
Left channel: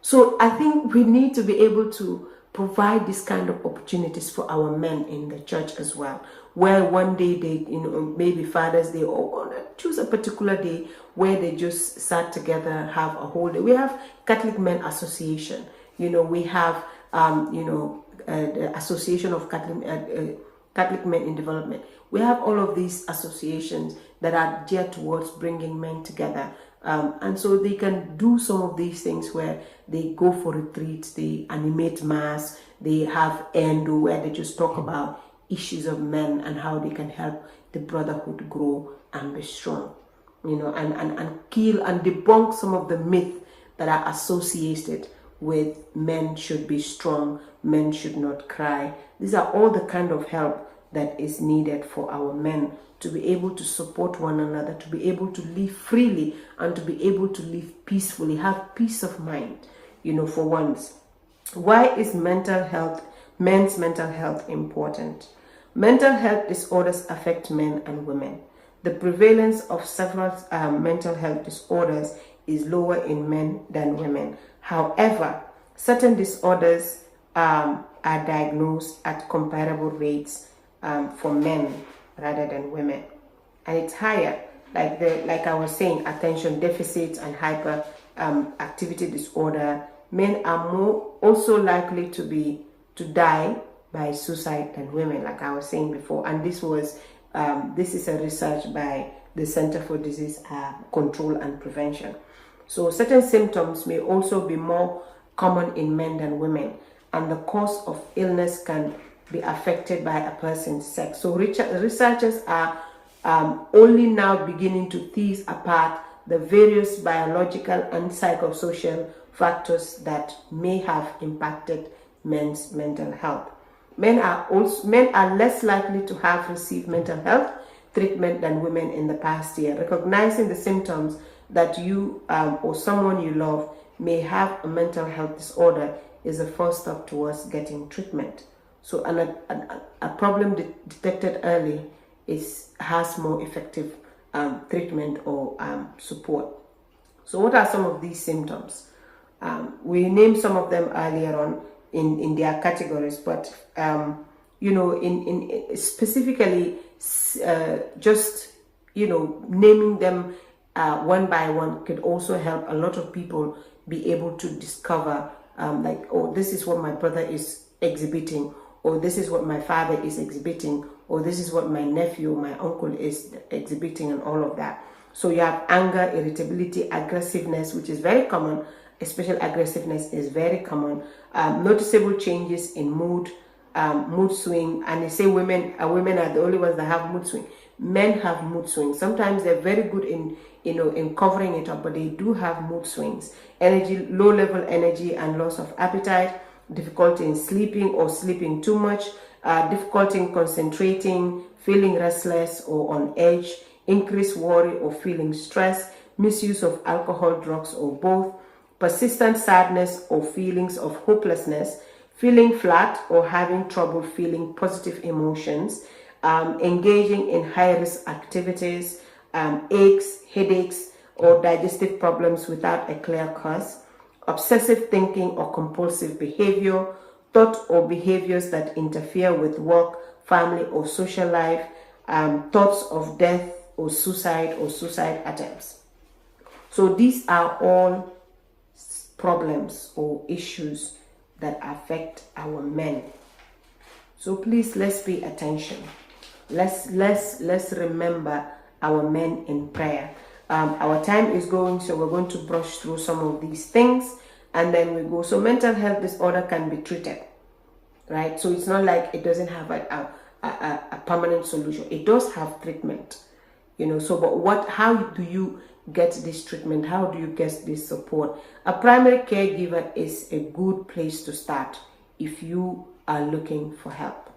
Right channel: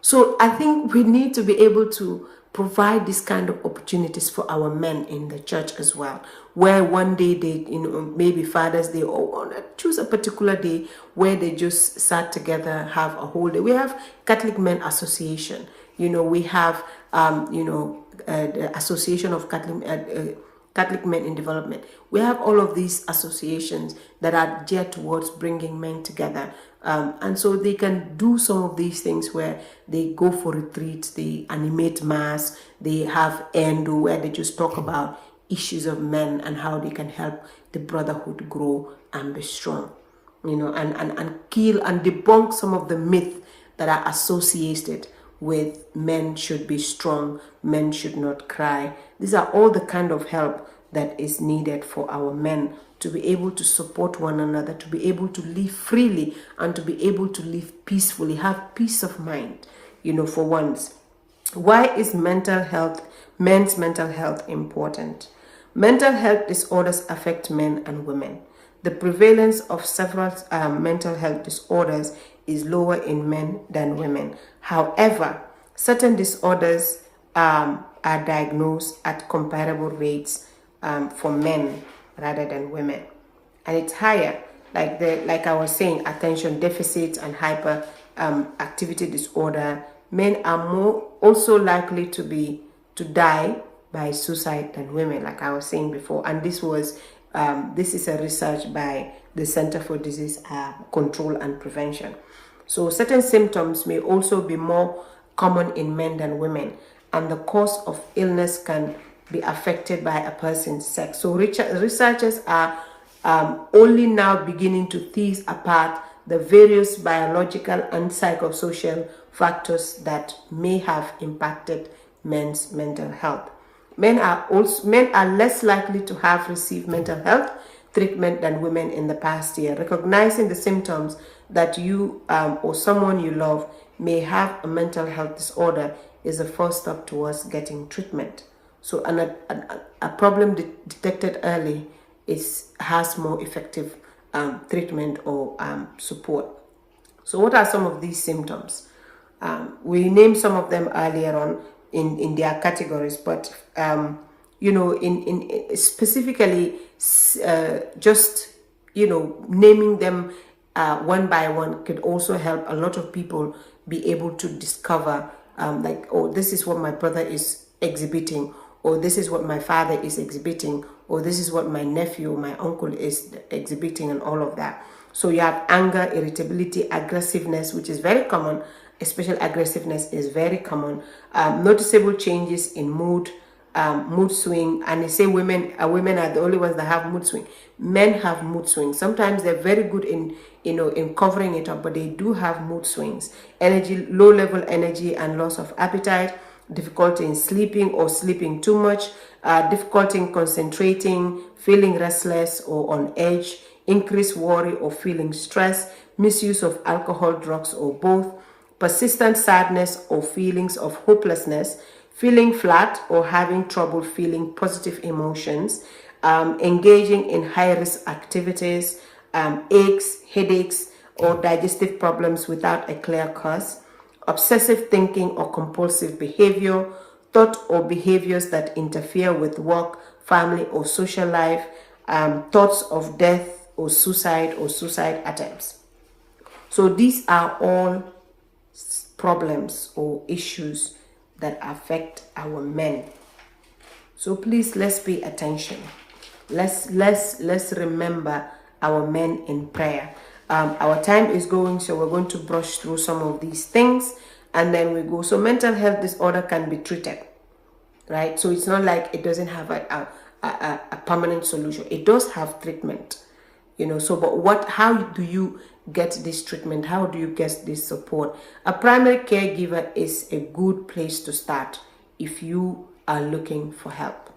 So I think we need to be able to provide this kind of opportunities for our men in the church as well, where one day they, maybe Father's Day, or choose a particular day where they just sat together, have a whole day. We have Catholic Men Association. We have the Association of Catholic Men in Development. We have all of these associations that are geared towards bringing men together. And so they can do some of these things, where they go for retreats, they animate mass, they have endo, where they just talk about issues of men and how they can help the brotherhood grow and be strong, and kill and debunk some of the myths that are associated with men should be strong, men should not cry. These are all the kind of help that is needed for our men to be able to support one another, to be able to live freely, and to be able to live peacefully, have peace of mind, for once. Why is men's mental health important? Mental health disorders affect men and women. The prevalence of several mental health disorders is lower in men than women. However, certain disorders are diagnosed at comparable rates for men rather than women, and it's higher. Like I was saying, attention deficit and hyper activity disorder. Men are more also likely to die by suicide than women, like I was saying before. And this is a research by the Center for Disease Control and Prevention. So certain symptoms may also be more common in men than women, and the cause of illness can be affected by a person's sex. So researchers are only now beginning to tease apart the various biological and psychosocial factors that may have impacted men's mental health. Men are less likely to have received mental health treatment than women in the past year. Recognizing the symptoms that you or someone you love may have a mental health disorder is the first step towards getting treatment. So a problem detected early has more effective treatment or support. So what are some of these symptoms? We named some of them earlier on in their categories, but in specifically just naming them one by one could also help a lot of people be able to discover like, oh, this is what my brother is exhibiting, or this is what my father is exhibiting, or this is what my nephew, my uncle is exhibiting, and all of that. So you have anger, irritability, aggressiveness, which is very common. Especially aggressiveness is very common. Noticeable changes in mood, mood swing, and they say women are the only ones that have mood swing. Men have mood swings. Sometimes they're very good in covering it up, but they do have mood swings. Energy, low level energy and loss of appetite, difficulty in sleeping or sleeping too much, difficulty in concentrating, feeling restless or on edge, increased worry or feeling stress, misuse of alcohol, drugs, or both, persistent sadness or feelings of hopelessness, feeling flat or having trouble feeling positive emotions, engaging in high-risk activities, aches, headaches, or digestive problems without a clear cause, obsessive thinking or compulsive behavior, thought or behaviors that interfere with work, family, or social life, thoughts of death or suicide attempts. So these are all problems or issues that affect our men. So please, let's pay attention. Let's remember our men in prayer. Our time is going, so we're going to brush through some of these things and then we go. So mental health disorder can be treated, right? So it's not like it doesn't have a permanent solution. It does have treatment, so but how do you get this treatment? How do you get this support? A primary caregiver is a good place to start if you are looking for help.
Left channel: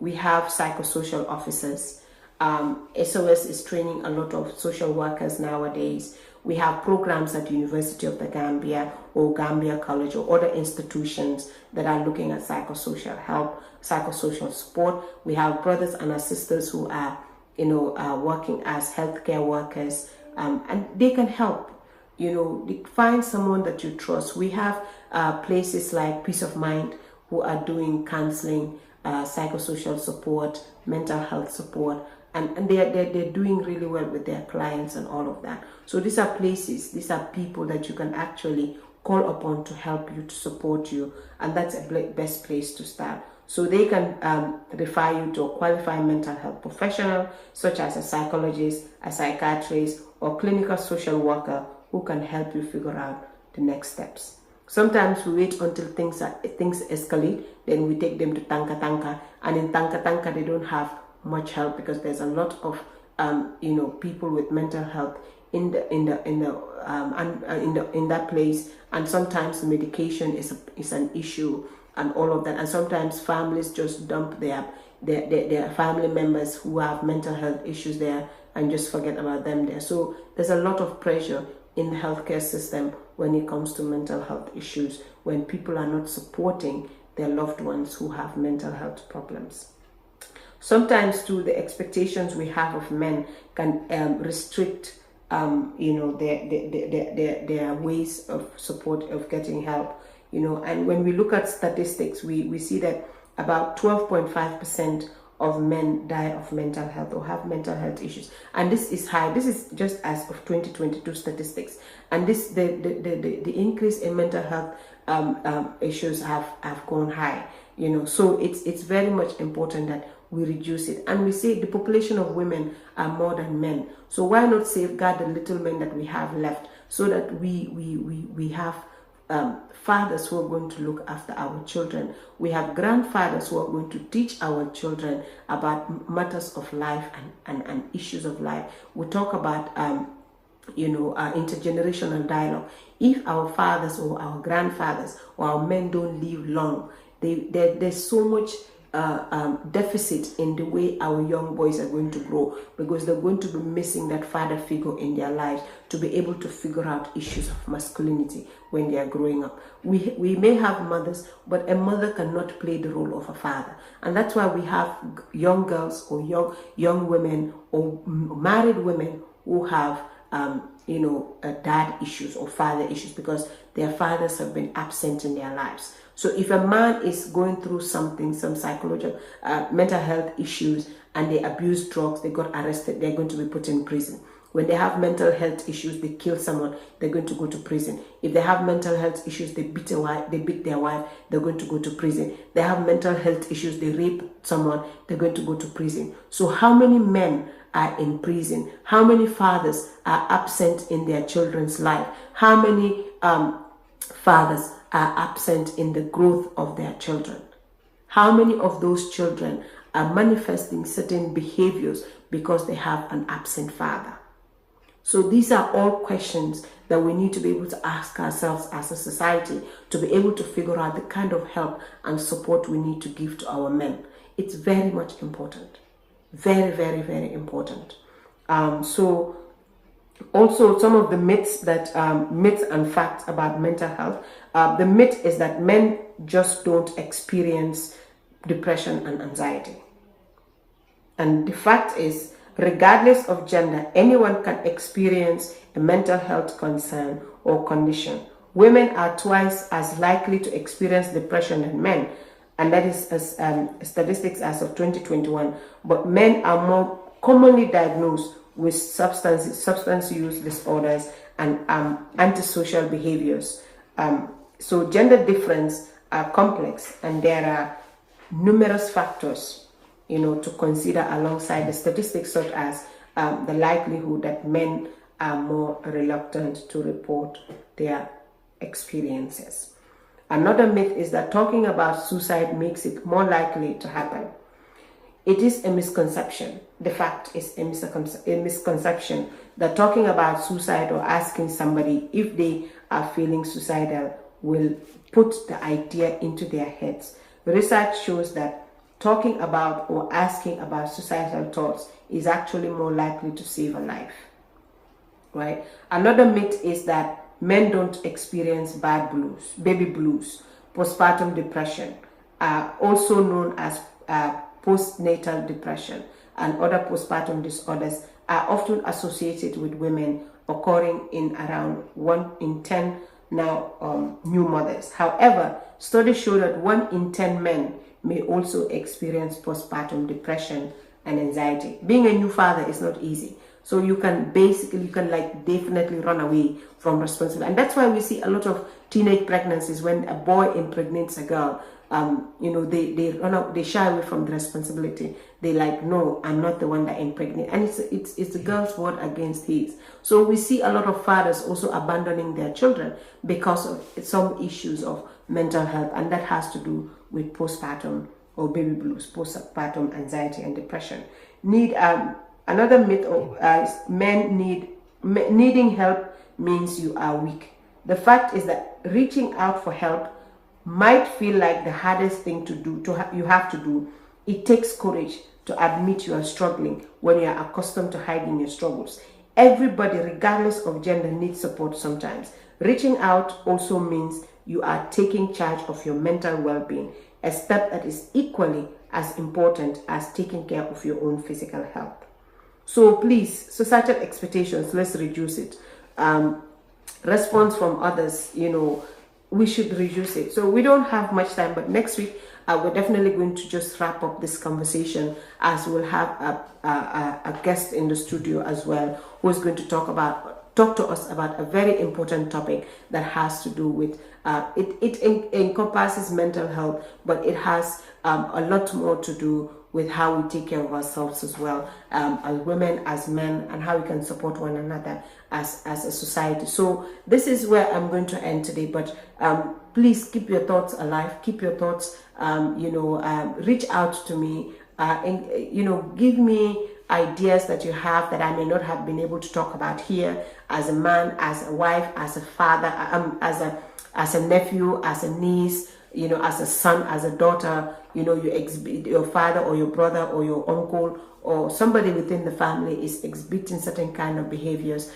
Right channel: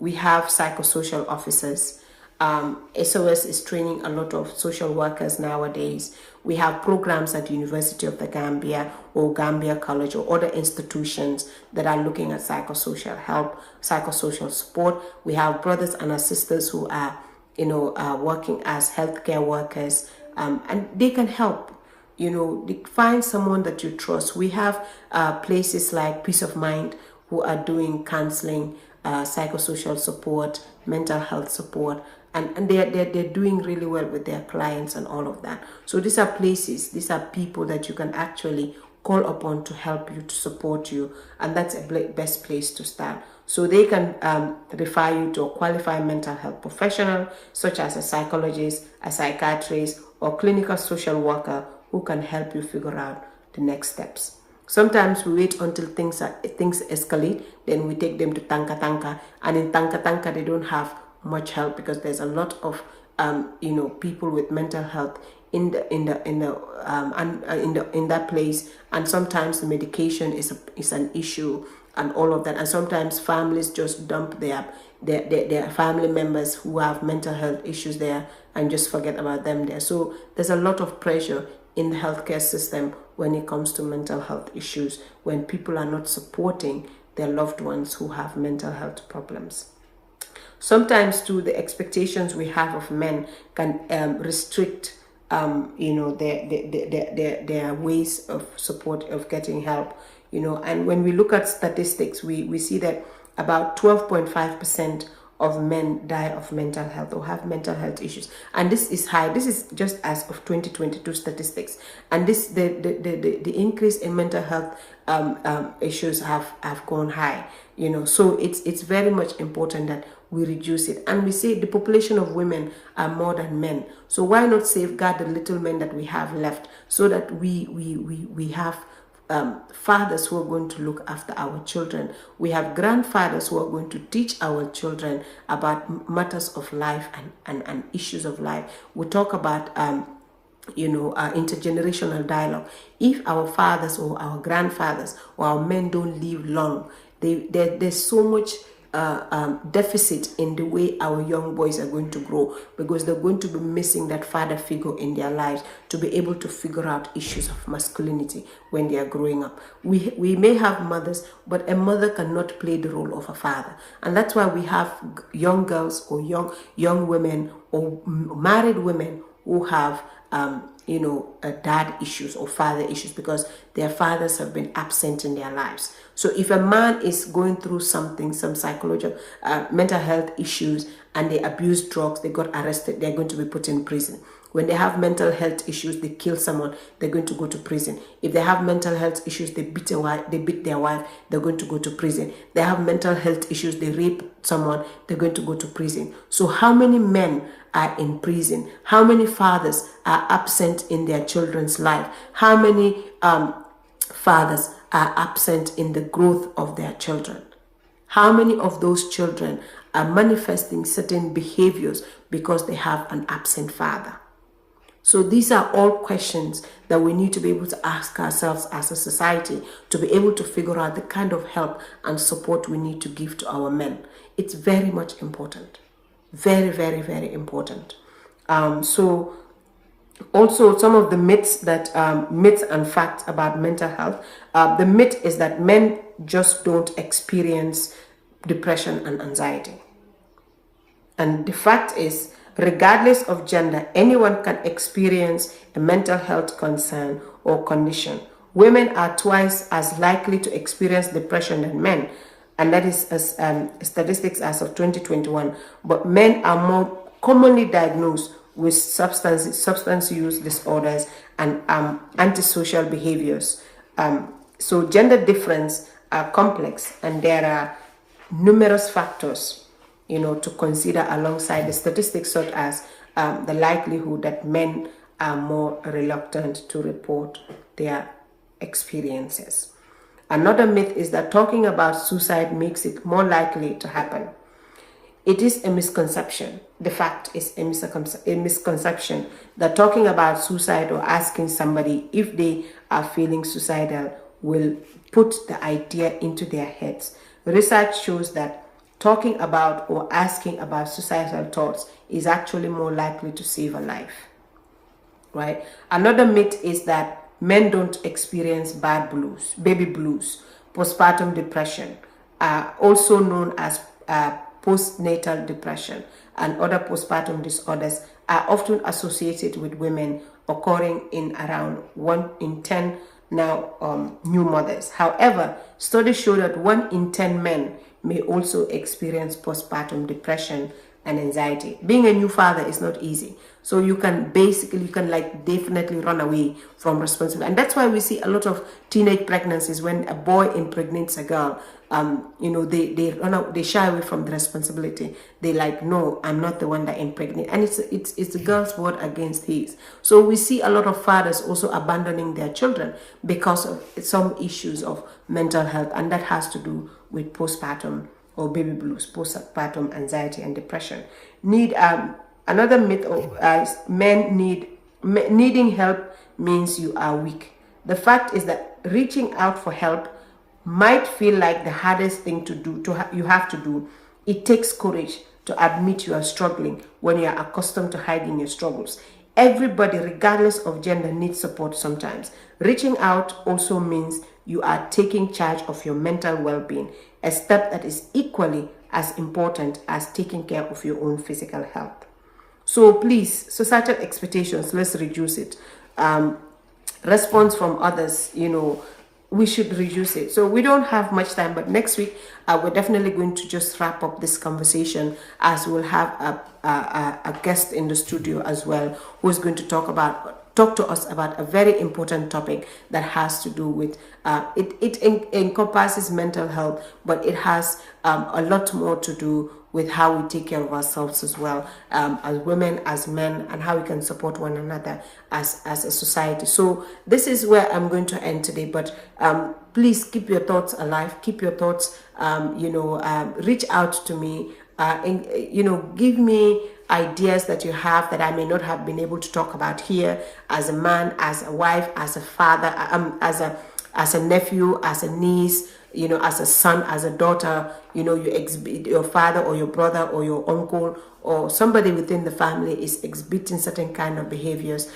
We have psychosocial officers. SOS is training a lot of social workers nowadays. We have programs at the University of the Gambia or Gambia College or other institutions that are looking at psychosocial help, psychosocial support. We have brothers and sisters who are, working as healthcare workers, and they can help. Find someone that you trust. We have places like Peace of Mind who are doing counseling, psychosocial support, mental health support, and they're doing really well with their clients and all of that. So these are places, these are people that you can actually call upon to help you, to support you, and that's a best place to start. So they can refer you to a qualified mental health professional, such as a psychologist, a psychiatrist, or clinical social worker who can help you figure out the next steps. Sometimes we wait until things escalate, then we take them to Tanka, and in Tanka they don't have much help because there's a lot of people with mental health in that place, and sometimes the medication is an issue and all of that, and sometimes families just dump their family members who have mental health issues there and just forget about them there. So there's a lot of pressure in the healthcare system when it comes to mental health issues, when people are not supporting their loved ones who have mental health problems. Sometimes too, the expectations we have of men can restrict their ways of support, of getting help. And when we look at statistics, we see that about 12.5% of men die of mental health or have mental health issues, and this is high. This is just as of 2022 statistics, and the increase in mental health issues have gone high. So it's very much important that we reduce it. And we say the population of women are more than men, so why not safeguard the little men that we have left, so that we have fathers who are going to look after our children. We have grandfathers who are going to teach our children about matters of life and issues of life. We talk about intergenerational dialogue. If our fathers or our grandfathers or our men don't live long, there's so much deficit in the way our young boys are going to grow, because they're going to be missing that father figure in their lives to be able to figure out issues of masculinity when they are growing up. We may have mothers, but a mother cannot play the role of a father, and that's why we have young girls or young women or married women who have dad issues or father issues, because their fathers have been absent in their lives. So if a man is going through something, some psychological, mental health issues, and they abuse drugs, they got arrested, they're going to be put in prison. When they have mental health issues, they kill someone, they're going to go to prison. If they have mental health issues, they beat their wife, they're going to go to prison. They have mental health issues, they rape someone, they're going to go to prison. So how many men are in prison? How many fathers are absent in their children's life? How many fathers are absent in the growth of their children? How many of those children are manifesting certain behaviors because they have an absent father? So these are all questions that we need to be able to ask ourselves as a society to be able to figure out the kind of help and support we need to give to our men. It's very much important. Very, very, very important. So also some of the myths and facts about mental health. The myth is that men just don't experience depression and anxiety. And the fact is, regardless of gender, anyone can experience a mental health concern or condition. Women are twice as likely to experience depression than men, and that is as statistics as of 2021. But men are more commonly diagnosed with substance use disorders and antisocial behaviors. So gender difference are complex, and there are numerous factors to consider alongside the statistics, such as the likelihood that men are more reluctant to report their experiences. Another myth is that talking about suicide makes it more likely to happen. It is a misconception. The fact is a misconception that talking about suicide or asking somebody if they are feeling suicidal will put the idea into their heads. Research shows that talking about or asking about suicidal thoughts is actually more likely to save a life, right? Another myth is that men don't experience baby blues, postpartum depression, also known as postnatal depression, and other postpartum disorders are often associated with women, occurring in around 1 in 10 now new mothers. However, studies show that 1 in 10 men may also experience postpartum depression and anxiety. Being a new father is not easy. So you can definitely run away from responsibility. And that's why we see a lot of teenage pregnancies. When a boy impregnates a girl, they run out, they shy away from the responsibility. They like, no, I'm not the one that impregnated. And it's the girl's word against his. So we see a lot of fathers also abandoning their children because of some issues of mental health, and that has to do with postpartum or baby blues, postpartum anxiety and depression. Another myth of men needing help means you are weak. The fact is that reaching out for help might feel like the hardest thing to do. You have to do. It takes courage to admit you are struggling when you are accustomed to hiding your struggles. Everybody, regardless of gender, needs support sometimes. Reaching out also means you are taking charge of your mental well-being, a step that is equally as important as taking care of your own physical health. So please, societal expectations, let's reduce it. Response from others, we should reduce it. So we don't have much time, but next week we're definitely going to just wrap up this conversation, as we'll have a guest in the studio as well, who is going to talk to us about a very important topic that has to do with it encompasses mental health, but it has a lot more to do with how we take care of ourselves as well, as women, as men, and how we can support one another as a society. So this is where I'm going to end today, but please keep your thoughts alive, keep your thoughts, reach out to me, give me ideas that you have that I may not have been able to talk about here, as a man, as a wife, as a father, as a nephew, as a niece, as a son, as a daughter, you exhibit, your father or your brother or your uncle or somebody within the family is exhibiting certain kind of behaviors,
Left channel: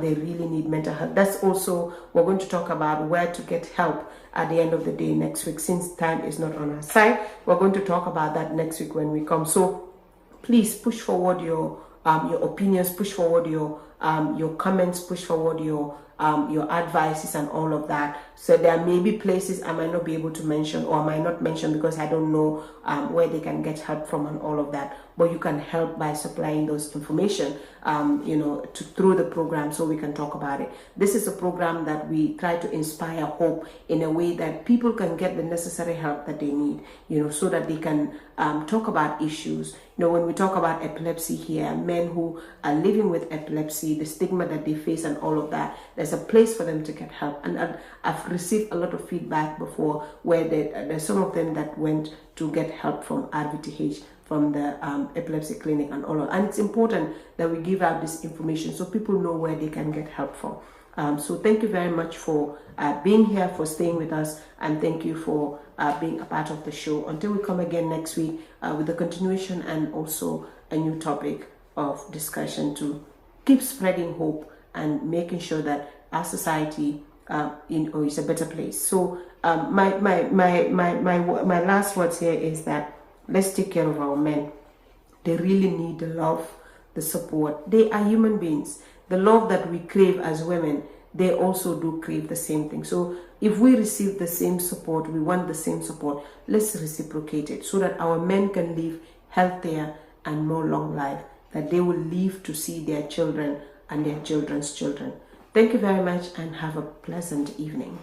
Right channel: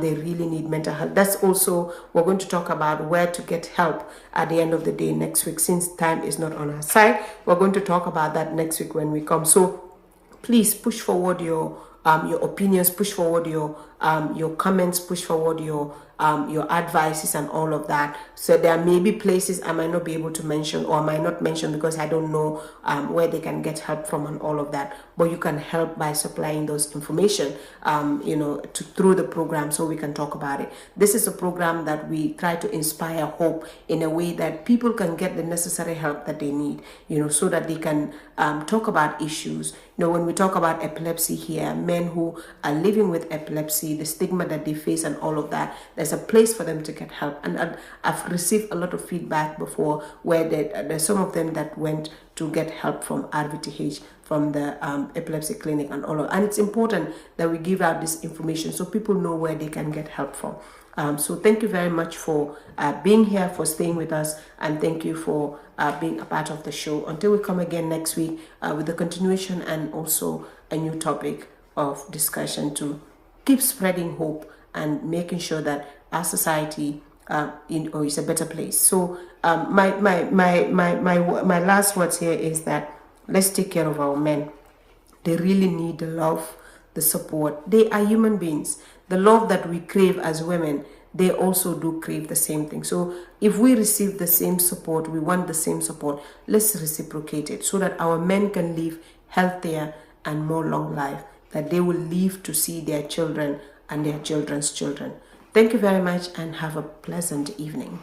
they really need mental health. That's also, we're going to talk about where to get help at the end of the day next week. Since time is not on our side, we're going to talk about that next week when we come. So please push forward your opinions, push forward your comments, push forward your advices and all of that. So there may be places I might not be able to mention, or I might not mention because I don't know where they can get help from and all of that. But you can help by supplying those information, through the program, so we can talk about it. This is a program that we try to inspire hope in a way that people can get the necessary help that they need, so that they can talk about issues. When we talk about epilepsy here, men who are living with epilepsy, the stigma that they face and all of that, there's a place for them to get help. And I've received a lot of feedback before where there's some of them that went to get help from RVTH, from the epilepsy clinic and all of. And it's important that we give out this information so people know where they can get help from. So thank you very much for being here, for staying with us, and thank you for being a part of the show. Until we come again next week with the continuation and also a new topic of discussion to keep spreading hope and making sure that our society is a better place. So my last words here is that let's take care of our men. They really need the love, the support. They are human beings. The love that we crave as women, they also do crave the same thing. So if we receive the same support, we want the same support, let's reciprocate it so that our men can live healthier and more long life, that they will live to see their children and their children's children. Thank you very much and have a pleasant evening.